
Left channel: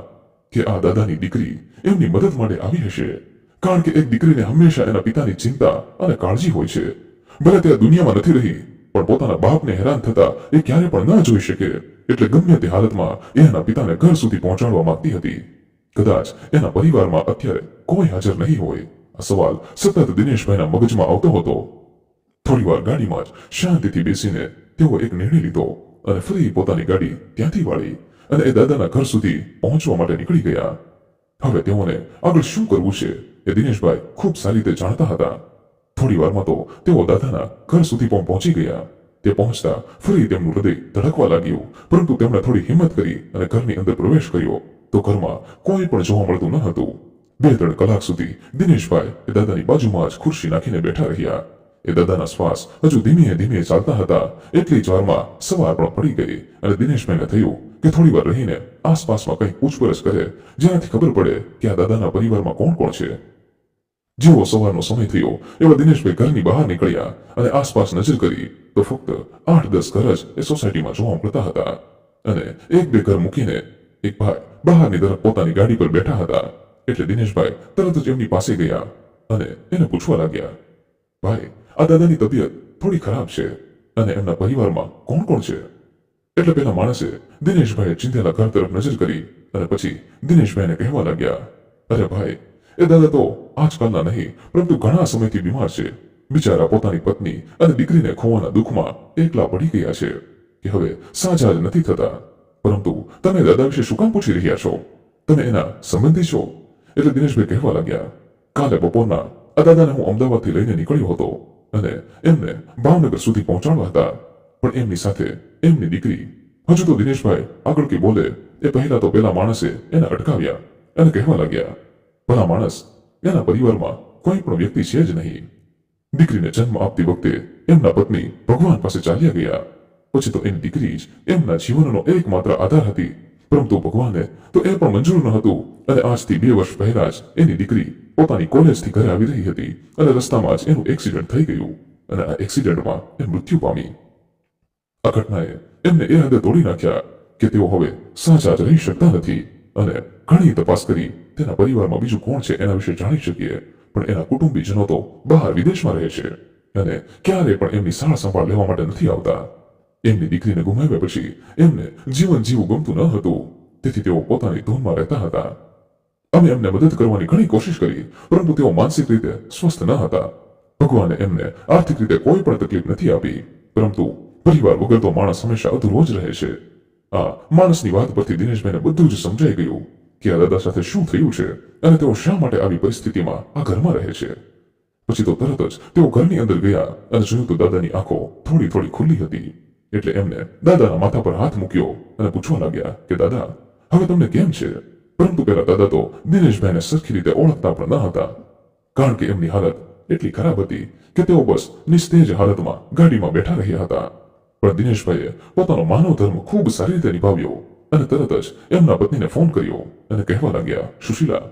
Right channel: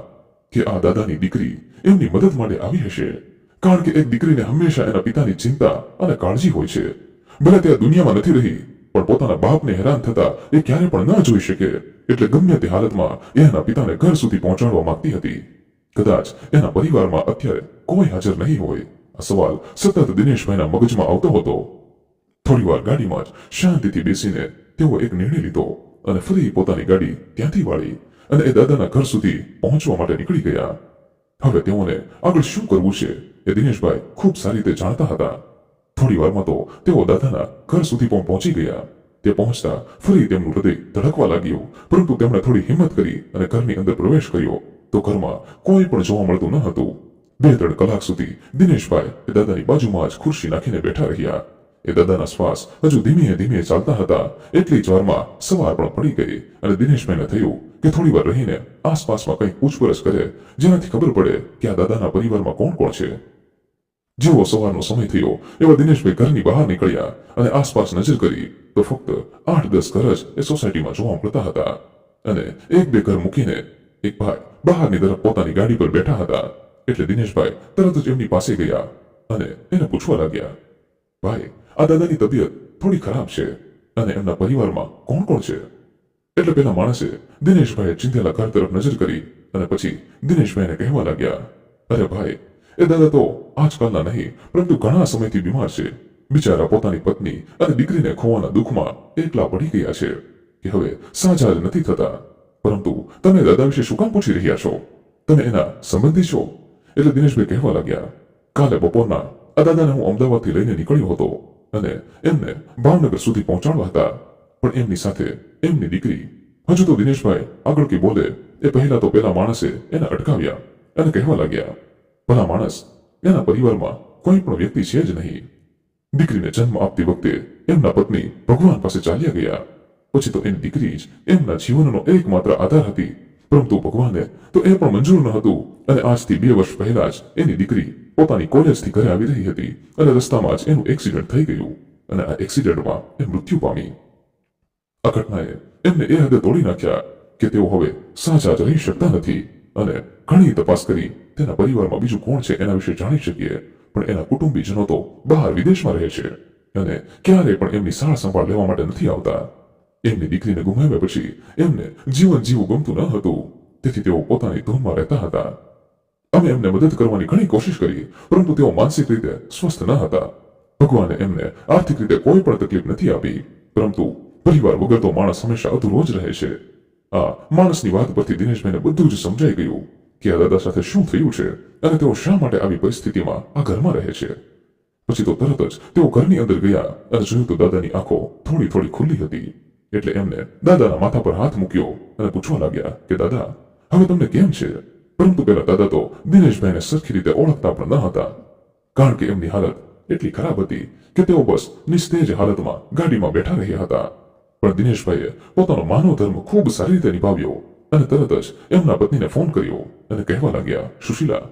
કે આ દાદાની દીકરી એમની મદદ માટે આવી હશે. કારણ કે એક દીકરીને હંમેશા એના પિતાની ચિંતા અને કાળજી હોય છે. ભલે તે આ દુનિયામાં નથી રહી, પણ પોતાના બાપને હેરાન થતા એ ક્યારે પણ ન જોઈ શકે, એટલે ગમે તે હાલતમાં એ એના પિતાને ઘર સુધી પહોંચાડવા માંગતી હતી. કદાચ એના પરિવારમાં અત્યારે કોઈ હાજર નહીં હોય. આ સવાલ સતત દિનેશભાઈના મગજમાં આવતો હતો. થોડીવાર ગાડીમાં જ શાંતિથી બેસીને તેઓ એક નિર્ણય લીધો અને ફરી પોતાની ગાડી ત્યાંથી વાળી અને એ દાદાના ઘર સુધી પહોંચવા માટે નીકળી ગયા. હવે તેઓને આગળ શું કરવું છે એ દિનેશભાઈ ખૂબ સારી રીતે જાણતા હતા. થોડી વારમાં તો તેઓ દાદાના ઘર સુધી પણ પહોંચી ગયા. તે પહોંચતા ફરી તેમનું હૃદય ધડકવા લાગ્યું, પરંતુ તેમણે થોડી હિંમત કરી અને ઘરની અંદર પ્રવેશ કર્યો તો ઘરમાં કોઈ પણ જોવા મળતું ન હતું. 2-3 કલાક સુધી દિનેશભાઈ એ દાદાની બાજુમાં જ ખુરશી નાખીને બેઠા રહ્યા. એ દાદાના શ્વાસ હજુ ધીમે ધીમે ચાલતા હતા. એટલી જ વારમાં સવાર પણ પડી ગઈ અને દિનેશભાઈને થયું કે થોડી વાર રહીને આસપાસમાં કંઈક પૂછપરછ કરે, જેનાથી ખબર પડે કે આ દાદાના પરિવારમાં કોણ કોણ છે. જેવો સવારનો સમય થયો એવા દિનેશભાઈ ઘરની બહાર નીકળ્યા અને આસપાસ નજર કરી તો ફક્ત 8-10 ઘર જ એ સોસાયટીમાં જોવા મળતા હતા અને 1-2 ઘર મૂકીને એક ભાઈ બહારની તરફ પોતાની ગાડી પર બેઠા હતા. એટલે દિનેશભાઈ તરત જ એમની પાસે ગયા અને એને પૂછવા લાગ્યા, ભાઈ, આ દાદાની તબિયત થોડી ખરાબ છે અને એમના પરિવારમાં કોણ કોણ છે? એટલે પેલા માણસે દિનેશભાઈએ ચિંધેલા ઘર તરફ નજર કરી અને પછી દિનેશભાઈને કહેવા લાગ્યા, અરે ભાઈ, એ દાદા તો આજકાલના નહીં પરંતુ ઘણા સમયથી બીમાર છે. બિચારા પોતાની પત્ની અને દીકરીને ખોવાના દુઃખમાં એકલા પડી ગયા છે કે હવે સાજા જ નથી થતા. પરંતુ તમે દાદા વિશે શું કામ પૂછી રહ્યા છો? તમે એના સંબંધી છો? એટલે દિનેશભાઈ કહેવા લાગ્યા, કાલે બપોરના આ દાદાને હું અમદાવાદથી લઈને નીકળ્યો હતો અને એમને ભાવનગર સુધી પહોંચાડવા હતા, પણ એમની સાથે એમની દીકરી. હજુ તો દિનેશભાઈ આગળ કે બોલે એ પહેલા તો પેલા માણસે એને અટકાવ્યા અને કહેવા લાગ્યા, ભલા માણસ, એના પરિવારમાં કોઈ પણ વ્યક્તિ છે જ નહીં. દીકરીને જન્મ આપતી વખતે એમના પત્ની ભગવાન પાસે ચાલ્યા ગયા. પછી તો એની દીકરી જ એમના જીવનનો એકમાત્ર આધાર હતી, પરંતુ ભગવાને તો એ પણ મંજૂર ન હતું અને આજથી 2 વર્ષ પહેલા જ એની દીકરી પોતાની કોલેજથી ઘરે આવી રહી હતી અને રસ્તામાં જ એનું એક્સિડન્ટ થઈ ગયું અને આ એક્સિડન્ટમાં એ મૃત્યુ પામી. આ ઘટનાએ એમને એ હદે તોડી નાખ્યા કે તેઓ હવે સાજા જ રહી શકતા નથી અને ઘણી તપાસ કરી તેના પરિવારમાં બીજું કોણ છે એના વિશે જાણી શકીએ, પણ એના કુટુંબીજનો તો બહાર વિદેશમાં રહે છે અને ક્યારેય પણ એમની સાર સંભાળ લેવા માટે નથી આવતા. એમની દીકરીને ગુમાવ્યા પછી એમને જીવન જીવવું ગમતું ન હતું, તેથી તેઓ પોતાની ધૂનમાં રહેતા હતા. અમે એમને મદદ કરવાની ઘણી કોશિશ કરી, પરંતુ તેઓ માનસિક રીતે સ્વસ્થ ન હતા. ભગવાને એમને આર્થિક રીતે કોઈ પણ તકલીફ નથી આપી, પરંતુ પરિવાર વગર તો માણસ હંમેશા અધૂરો જ રહે છે. આ માણસની વાત પરથી દિનેશભાઈને બધું જ સમજાઈ ગયું કે આ દાદા સાથે શું થયું છે અને તેઓ શા માટે આવી પરિસ્થિતિમાં આ ઘરમાં રહે છે. પછી તો તરત જ તેઓ ઘરની અંદર ગયા અને જોયું તો દાદાની આંખો થોડી થોડી ખુલ્લી હતી. એટલે એમને દાદાના માથા પર હાથ મૂક્યો અને પૂછવા લાગ્યા કે દાદા, હવે તમને કેમ છે? પરંતુ પેલા દાદા તો દિનેશભાઈને સરખી રીતે ઓળખતા પણ ન હતા, કારણ કે એમની હાલત એટલી ખરાબ હતી કે તેઓ બસ નિસ્તેજ હાલતમાં ગાડીમાં બેઠા રહ્યા હતા. પણ દિનેશભાઈએ પોતાનો માનવ ધર્મ ખૂબ સારી રીતે નિભાવ્યો અને તરત જ એમના પત્નીને ફોન કર્યો અને કહેવા લાગ્યા, સુશીલા,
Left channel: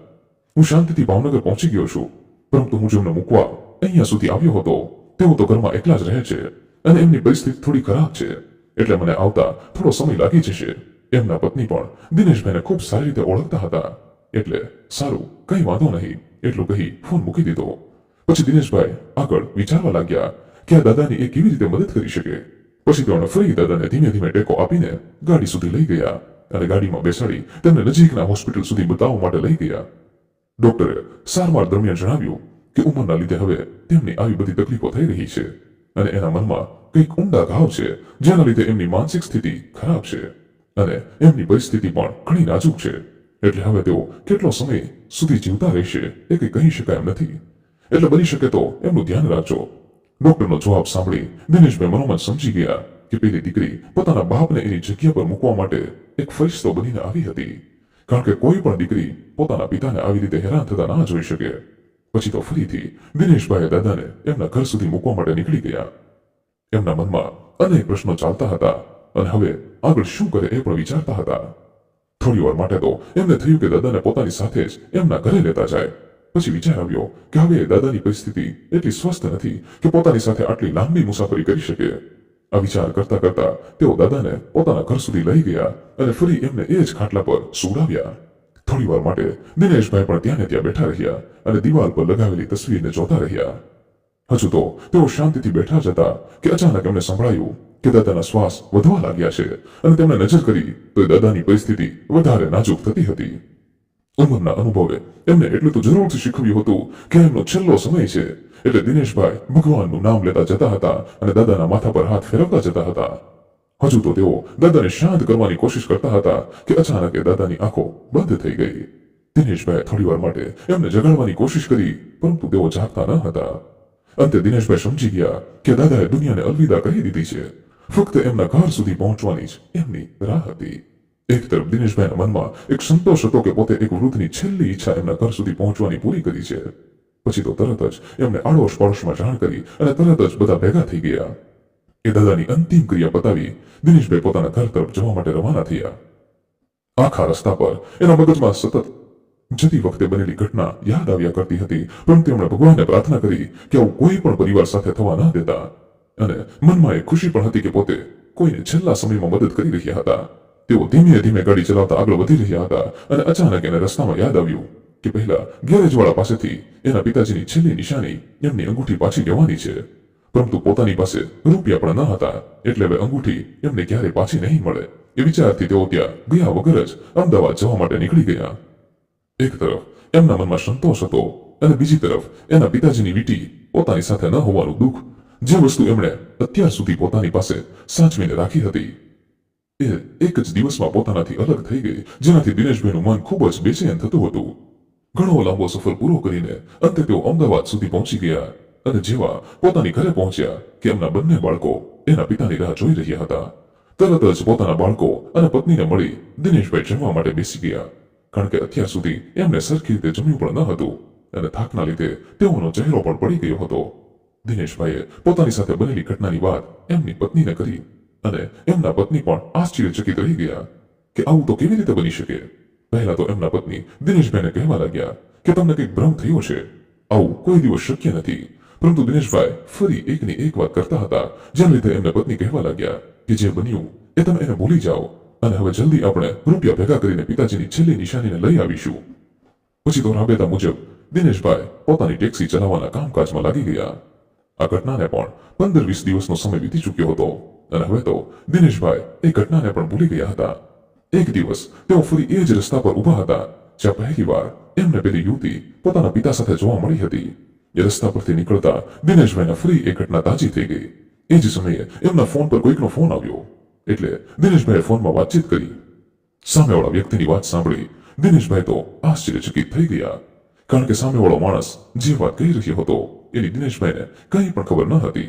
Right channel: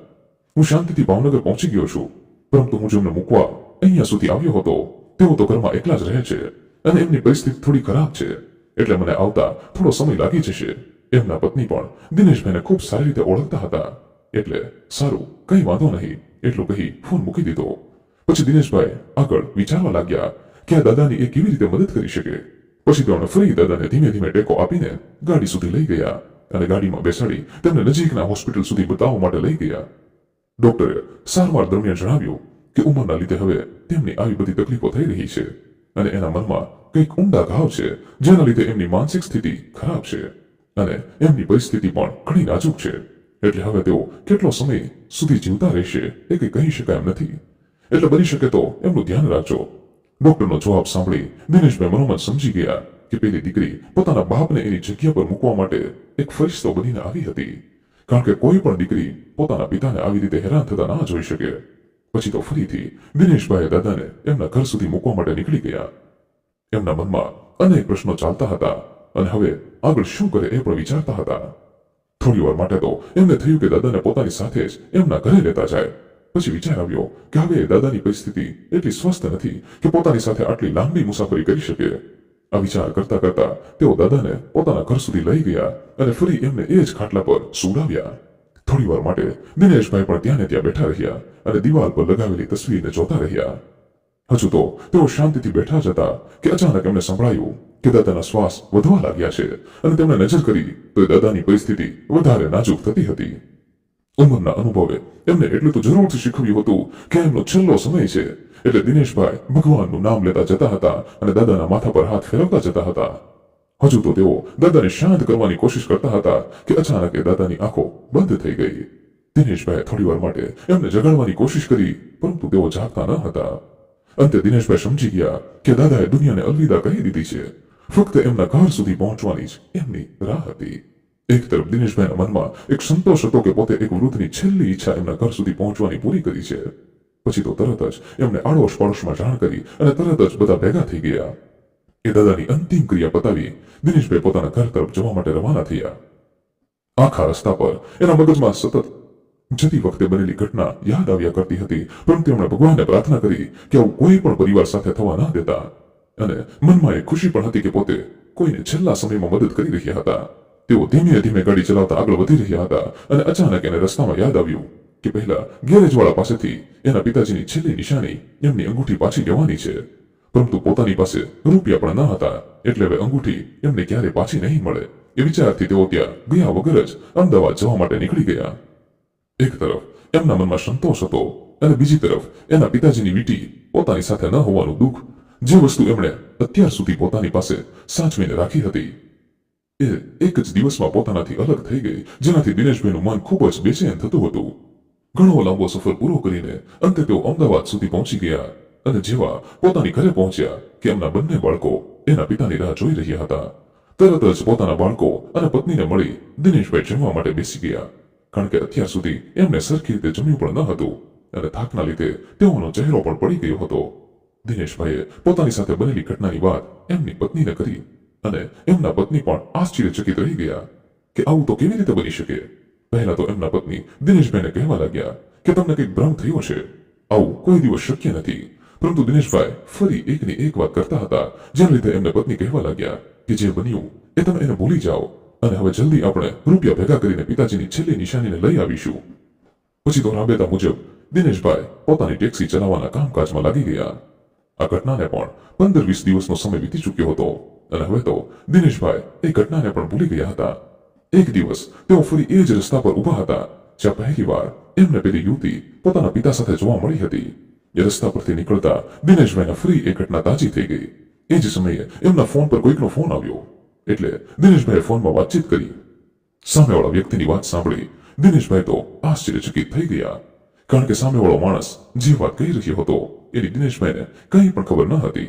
હું શાંતિથી ભાવનગર પહોંચી ગયો છું, પરંતુ હું જેમને મૂકવા અહીંયા સુધી આવ્યો હતો તેઓ તો ઘરમાં એકલા જ રહે છે અને એમની પરિસ્થિતિ થોડી ખરાબ છે, એટલે મને આવતા થોડો સમય લાગી જશે. એમના પત્ની પણ દિનેશભાઈને ખૂબ સારી રીતે ઓળખતા હતા, એટલે સારું, કંઈ વાંધો નહીં એટલું કહી ફોન મૂકી દીધો. પછી દિનેશભાઈ આગળ વિચારવા લાગ્યા કે આ દાદાની એ કેવી રીતે મદદ કરી શકે. પછી તેમણે ફરી દાદાને ધીમે ધીમે ટેકો આપીને ગાડી સુધી લઈ ગયા અને ગાડીમાં બેસાડી તેમને નજીકના હોસ્પિટલ સુધી બતાવવા માટે લઈ ગયા. ડોક્ટરે સારવાર દરમિયાન જણાવ્યું કે ઉંમરના લીધે હવે તેમની આવી બધી તકલીફો થઈ રહી છે અને એના મનમાં કંઈક ઊંડા ઘાવ છે, જેના લીધે એમની માનસિક સ્થિતિ ખરાબ છે અને એમની પરિસ્થિતિ પણ ઘણી નાજુક છે. એટલે હવે તેઓ કેટલો સમય સુધી જીવતા રહેશે એ કંઈ કહી શકાય એમ નથી, એટલે બની શકે તો એમનું ધ્યાન રાખજો. ડોક્ટરનો જવાબ સાંભળી દિનેશભાઈ મનોમન સમજી ગયા કે પેલી દીકરી પોતાના બાપને એની જગ્યા પર મૂકવા માટે એક ફરિશ્તો બનીને આવી હતી, કારણ કે કોઈ પણ દીકરી પોતાના પિતાને આવી રીતે હેરાન થતા ના જોઈ શકે. પછી તો ફરીથી દિનેશભાઈએ દાદાને એમના ઘર સુધી મૂકવા માટે નીકળી ગયા. એમના મનમાં અનેક પ્રશ્નો ચાલતા હતા અને હવે આગળ શું કરે એ પણ વિચારતા હતા. થોડી વાર માટે તો એમને થયું કે દાદાને પોતાની સાથે જ એમના ઘરે લેતા જાય. પછી વિચાર આવ્યો કે હવે દાદાની પરિસ્થિતિ એટલી સ્વસ્થ નથી કે પોતાની સાથે આટલી લાંબી મુસાફરી કરી શકે. આ વિચાર કરતા કરતા તેઓ દાદાને પોતાના ઘર સુધી લઈ ગયા અને ફરી એમને એ જ ખાટલા પર સુવડાવ્યા. થોડી વાર માટે દિનેશભાઈ પણ ત્યાં ને ત્યાં બેઠા રહ્યા અને દિવાલ પર લગાવેલી તસવીરને જોતા રહ્યા. હજુ તો તેઓ શાંતિથી બેઠા જ હતા કે અચાનક એમને સંભળાયું કે દાદાના શ્વાસ વધવા લાગ્યા છે અને તેમણે નજર કરી તો દાદાની પરિસ્થિતિ વધારે નાજુક થતી હતી. ઉંમરના અનુભવે એમને એટલું તો જરૂરથી શીખવ્યું હતું કે એમનો છેલ્લો સમય છે, એટલે દિનેશભાઈ ભગવાનનું નામ લેતા જતા હતા અને દાદાના માથા પર હાથ ફેરવતા જતા હતા. હજુ તો તેઓ દાદાને શાંત કરવાની કોશિશ કરતા હતા કે અચાનક એ દાદાની આંખો બંધ થઈ ગઈ. દિનેશભાઈ થોડી વાર માટે એમને જગાડવાની કોશિશ કરી, પરંતુ તેઓ જાગતા ન હતા. અંતે દિનેશભાઈ સમજી ગયા કે દાદાએ દુનિયાને અલવિદા કહી દીધી છે, ફક્ત એમના ઘર સુધી પહોંચવાની જ એમની રાહ હતી. એક તરફ દિનેશભાઈના મનમાં એક સંતોષ હતો કે પોતે એક વૃદ્ધની છેલ્લી ઈચ્છા એમના ઘર સુધી પહોંચવાની પૂરી કરી છે. પછી તો તરત જ એમને આડોશ પાડોશમાં જાણ કરી અને તરત જ બધા ભેગા થઈ ગયા. એ દાદાની અંતિમ ક્રિયા પતાવી દિનેશભાઈ પોતાના ઘર તરફ જવા માટે રવાના થયા. આખા રસ્તા પર એના મગજમાં સતત જતી વખતે બનેલી ઘટના યાદ આવ્યા કરતી હતી, પરંતુ એમણે ભગવાનને પ્રાર્થના કરી કે આવું કોઈ પણ પરિવાર સાથે થવા ન દેતા. અને મનમાં એક ખુશી પણ હતી કે પોતે કોઈને છેલ્લા સમયમાં મદદ કરી રહ્યા હતા. તેઓ ધીમે ધીમે ગાડી ચલાવતા આગળ વધી રહ્યા હતા અને અચાનક એને રસ્તામાં યાદ આવ્યું કે પહેલા ગેરેજવાળા પાસેથી એના પિતાજીની છેલ્લી નિશાની એમની અંગૂઠી પાછી લેવાની છે, પરંતુ પોતાની પાસે રૂપિયા પણ ન હતા, એટલે હવે અંગૂઠી એમને ક્યારે પાછી નહીં મળે એ વિચારથી તેઓ ત્યાં ગયા વગર જ અમદાવાદ જવા માટે નીકળી ગયા. એક તરફ એમના મનમાં સંતોષ હતો અને બીજી તરફ એના પિતાજીની વીંટી પોતાની સાથે ન હોવાનું દુઃખ, જે વસ્તુ એમણે અત્યાર સુધી પોતાની પાસે સાચવીને રાખી હતી એ એક જ દિવસમાં પોતાનાથી અલગ થઈ ગઈ, જેનાથી દિનેશભાઈનું મન ખૂબ જ બેચેન થતું હતું. ઘણો લાંબો સફર પૂરો કરીને અંતે તેઓ અમદાવાદ સુધી પહોંચી ગયા અને જેવા પોતાની ઘરે પહોંચ્યા કે એમના બંને બાળકો એના પિતાની રાહ જોઈ રહ્યા હતા. તરત જ પોતાના બાળકો અને પત્નીને મળી દિનેશભાઈ જમવા માટે બેસી ગયા, કારણ કે અત્યાર સુધી એમને સરખી રીતે જમ્યું પણ ન હતું અને થાકના લીધે તેઓનો ચહેરો પણ પડી ગયો હતો. દિનેશભાઈએ પોતાની સાથે બનેલી ઘટનાની વાત એમની પત્નીને કરી અને એમના પત્ની પણ આશ્ચર્યચકિત રહી ગયા કે આવું તો કેવી રીતે બની શકે. પહેલા તો એમના પત્ની દિનેશભાઈને કહેવા લાગ્યા કે તમને કંઈક ભ્રમ થયો છે, આવું કોઈ દિવસ શક્ય નથી. પરંતુ દિનેશભાઈ ફરી એકની એક વાત કરતા હતા, જેના લીધે એમને પત્ની કહેવા લાગ્યા કે જે બન્યું એ તમે એને ભૂલી જાઓ અને હવે જલ્દી આપણે રૂપિયા ભેગા કરીને પિતાજીની છેલ્લી નિશાનીને લઈ આવીશું. પછી તો રાબેતા મુજબ દિનેશભાઈ પોતાની ટેક્સી ચલાવવાના કામકાજમાં લાગી ગયા. આ ઘટનાને પણ 15-20 દિવસનો સમય વીતી ચૂક્યો હતો અને હવે તો દિનેશભાઈ એ ઘટનાને પણ ભૂલી ગયા હતા. એક દિવસ તેઓ ફરી એ જ રસ્તા પર ઊભા હતા જ્યાં પહેલીવાર એમને પેલી યુવતી પોતાના પિતા સાથે જોવા મળી હતી. એ રસ્તા પરથી નીકળતા દિનેશભાઈને ફરી એ ઘટના તાજી થઈ ગઈ. એ જ સમયે એમના ફોન પર કોઈકનો ફોન આવ્યો, એટલે દિનેશભાઈએ ફોનમાં વાતચીત કરી. સામેવાળા વ્યક્તિની વાત સાંભળી દિનેશભાઈ તો આશ્ચર્યચકિત થઈ ગયા, કારણ કે સામેવાળો માણસ જે વાત કહી રહ્યો હતો એની દિનેશભાઈને કંઈ પણ ખબર ન હતી.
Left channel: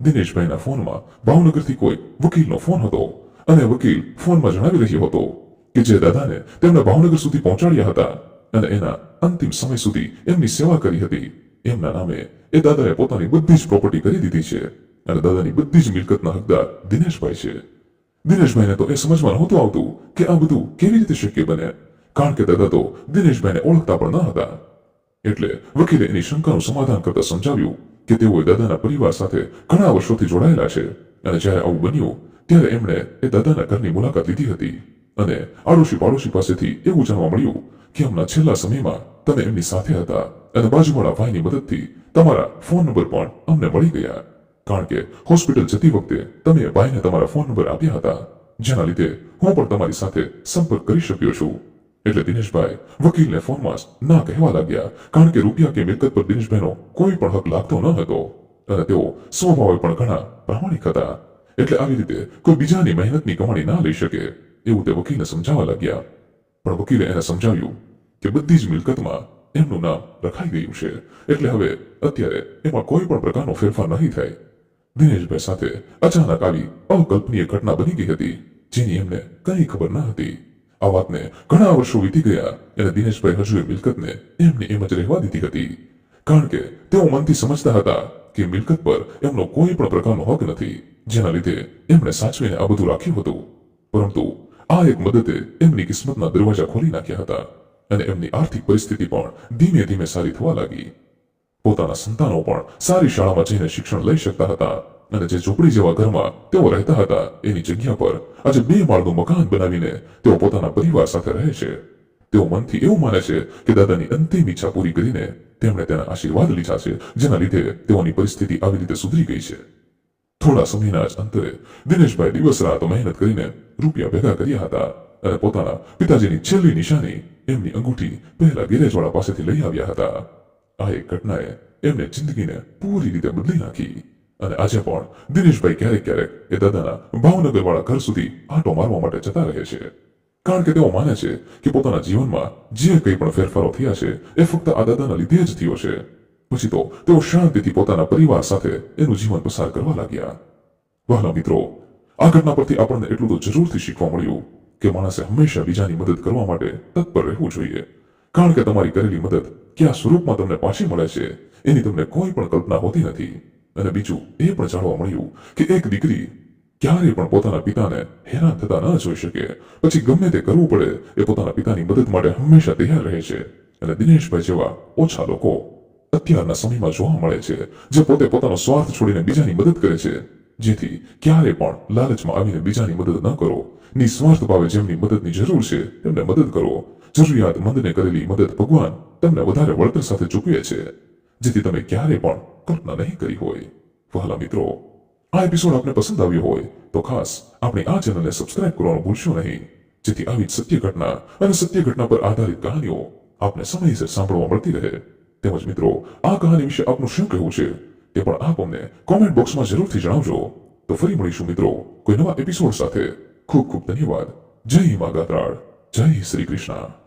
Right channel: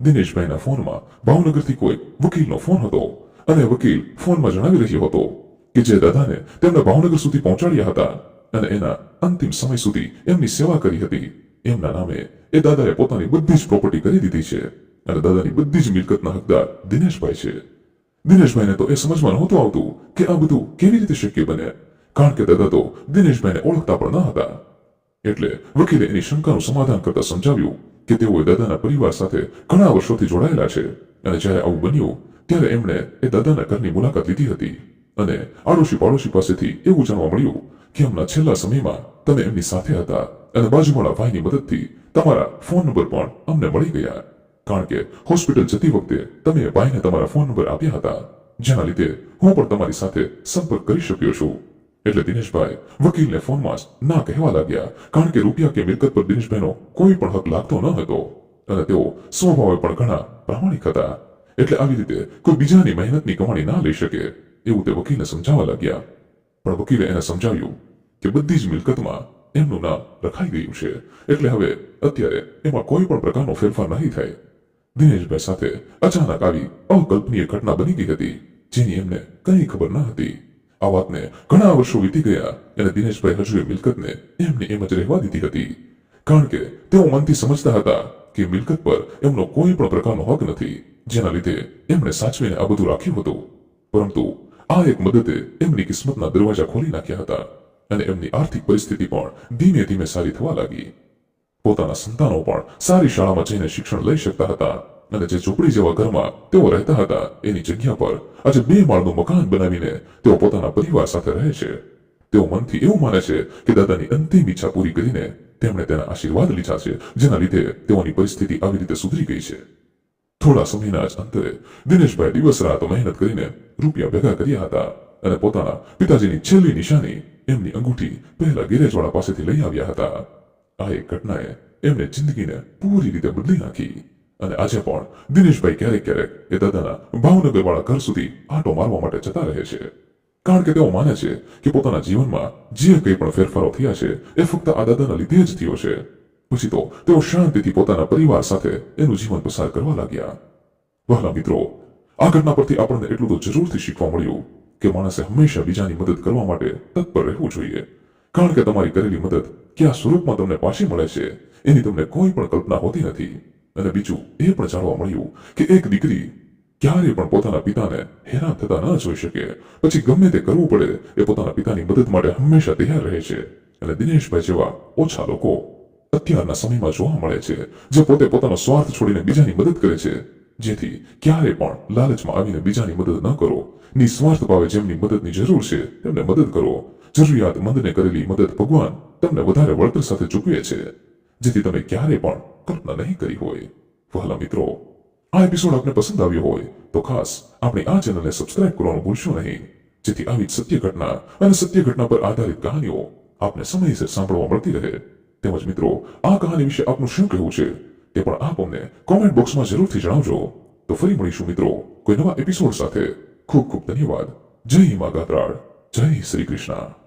દિનેશભાઈના ફોનમાં ભાવનગરથી કોઈ વકીલનો ફોન હતો અને વકીલ ફોનમાં જણાવી રહ્યો હતો કે જે દાદાને તેમને ભાવનગર સુધી પહોંચાડ્યા હતા અને એના અંતિમ સમય સુધી એમની સેવા કરી હતી, એમના નામે એ દાદાએ પોતાની બધી જ પ્રોપર્ટી કરી દીધી છે અને દાદાની બધી જ મિલકતના હકદાર દિનેશભાઈ છે. દિનેશભાઈને તો એ સમજમાં નહોતું આવતું કે આ બધું કેવી રીતે શક્ય બને, કારણ કે દાદા તો દિનેશભાઈને ઓળખતા પણ ન હતા. એટલે વકીલે એની શંકાનું સમાધાન કરતા સમજાવ્યું કે તેઓ દાદાના પરિવાર સાથે ઘણા વર્ષોથી જોડાયેલા છે અને જ્યારે આવું બન્યું ત્યારે એમણે એ દાદાના ઘરની મુલાકાત લીધી હતી અને આડોશી પાડોશી પાસેથી એવું જાણવા મળ્યું કે હમણાં છેલ્લા સમયમાં તમે એમની સાથે હતા અને બાજુવાળા ભાઈની મદદથી તમારા ફોન નંબર પણ અમને મળી ગયા, કારણ કે હોસ્પિટલ જતી વખતે તમે એ ભાઈને તમારા ફોન નંબર આપ્યા હતા, જેના લીધે હું પણ તમારી સાથે સંપર્ક કરી શક્યો છું. એટલે દિનેશભાઈ વકીલને ફોનમાં જ ના કહેવા લાગ્યા, કારણ કે રૂપિયા કે મિલકત પર દિનેશભાઈનો કોઈ પણ હક લાગતો ન હતો અને તેઓ સ્વભાવે પણ ઘણા પ્રામાણિક હતા. એટલે આવી રીતે કોઈ બીજાની મહેનતની કમાણી ના લઈ શકે એવું તે વકીલને સમજાવવા લાગ્યા. પણ વકીલે એને સમજાવ્યું કે બધી જ મિલકતમાં એમનું નામ લખાઈ ગયું છે, એટલે હવે અત્યારે એમાં કોઈ પણ પ્રકારનો ફેરફાર નહીં થાય. દિનેશભાઈ સાથે અચાનક આવી અકલ્પનીય ઘટના બની ગઈ હતી, જેની એમને કંઈ ખબર ન હતી. આ વાતને ઘણા વર્ષો વીતી ગયા અને દિનેશભાઈ હજુ એ મિલકતને એમને એમ જ રહેવા દીધી હતી, કારણ કે તેઓ મનથી સમજતા હતા કે મિલકત પર એમનો કોઈ પણ પ્રકારનો હક નથી, જેના લીધે એમણે સાચવીને આ બધું રાખ્યું હતું. પરંતુ આ એક મદદે એમની કિસ્મતના દરવાજા ખોલી નાખ્યા હતા અને એમની આર્થિક પરિસ્થિતિ પણ ધીમે ધીમે સારી થવા લાગી. પોતાના સંતાનો પણ સારી શાળામાં જઈને શિક્ષણ લઈ શકતા હતા અને જે ઝૂંપડી જેવા ઘરમાં તેઓ રહેતા હતા એની જગ્યા પર આજે 2 માળનું મકાન બનાવીને તેઓ પોતાના પરિવાર સાથે રહે છે. તેઓ મનથી એવું માને છે કે દાદાની અંતિમ ઈચ્છા પૂરી કરીને તેમણે તેના આશીર્વાદ લીધા છે, જેના લીધે તેઓની પરિસ્થિતિ આવી રીતે સુધરી ગઈ છે. થોડા સમયના જ અંતરે દિનેશભાઈ દિવસ રાત મહેનત કરીને રૂપિયા ભેગા કર્યા હતા અને પોતાના પિતાજીની છેલ્લી નિશાની એમની અંગૂઠી પહેલા ગેરેજવાળા પાસેથી લઈ આવ્યા હતા. આ એક ઘટનાએ એમને જિંદગીને પૂરી રીતે બદલી નાખી અને આજે પણ દિનેશભાઈ ક્યારેક ક્યારેક એ દાદાના ભાવનગરવાળા ઘર સુધી આંટો મારવા માટે જતા રહે છે, કારણ કે તેઓ માને છે કે પોતાના જીવનમાં જે કંઈ પણ ફેરફારો થયા છે એ ફક્ત આ દાદાના લીધે જ થયો છે. પછી તો તેઓ શાંતિથી પોતાના પરિવાર સાથે એનું જીવન પસાર કરવા લાગ્યા. વહાલા મિત્રો, આ ઘટના પરથી આપણને એટલું તો જરૂરથી શીખવા મળ્યું કે માણસે હંમેશા બીજાની મદદ કરવા માટે તત્પર રહેવું જોઈએ, કારણ કે તમારી કરેલી મદદ કયા સ્વરૂપમાં તમને પાછી મળે છે એની તમને કોઈ પણ કલ્પના હોતી નથી. અને બીજું એ પણ જાણવા મળ્યું કે એક દીકરી ક્યારેય પણ પોતાના પિતાને હેરાન થતા ન જોઈ શકે, પછી ગમે તે કરવું પડે એ પોતાના પિતાની મદદ માટે હંમેશા તૈયાર રહે છે. અને દિનેશભાઈ જેવા ઓછા લોકો અત્યારના સમયમાં જોવા મળે છે જે પોતે પોતાનો સ્વાર્થ છોડીને બીજાની મદદ કરે છે. જેથી ક્યારે પણ લાલચમાં આવીને બીજાની મદદ ન કરો, નિસ્વાર્થ ભાવે જેમની મદદની જરૂર છે તેમને મદદ કરો, જરૂરિયાતમંદને કરેલી મદદ ભગવાન તમને વધારે વળતર સાથે ચૂકવે છે, જેથી તમે ક્યારે પણ કલ્પના નહીં કરી હોય. વહાલા મિત્રો, આ એપિસોડ આપને પસંદ આવ્યો હોય તો ખાસ આપણી આ ચેનલને સબસ્ક્રાઇબ કરવાનું ભૂલશો નહીં, જેથી આવી જ સત્ય ઘટના અને સત્ય ઘટના પર આધારિત કહાનીઓ આપને સમયસર સાંભળવા મળતી રહે. તેમજ મિત્રો, આ કહાની વિશે આપનું શું કહેવું છે તે પણ આપ અમને કોમેન્ટ બોક્સમાં જરૂરથી જણાવજો. તો ફરી મળીશું મિત્રો કોઈ નવા એપિસોડ સાથે. ખૂબ ખૂબ ધન્યવાદ. જય મા ગાત્રાળ. જય શ્રી કૃષ્ણ.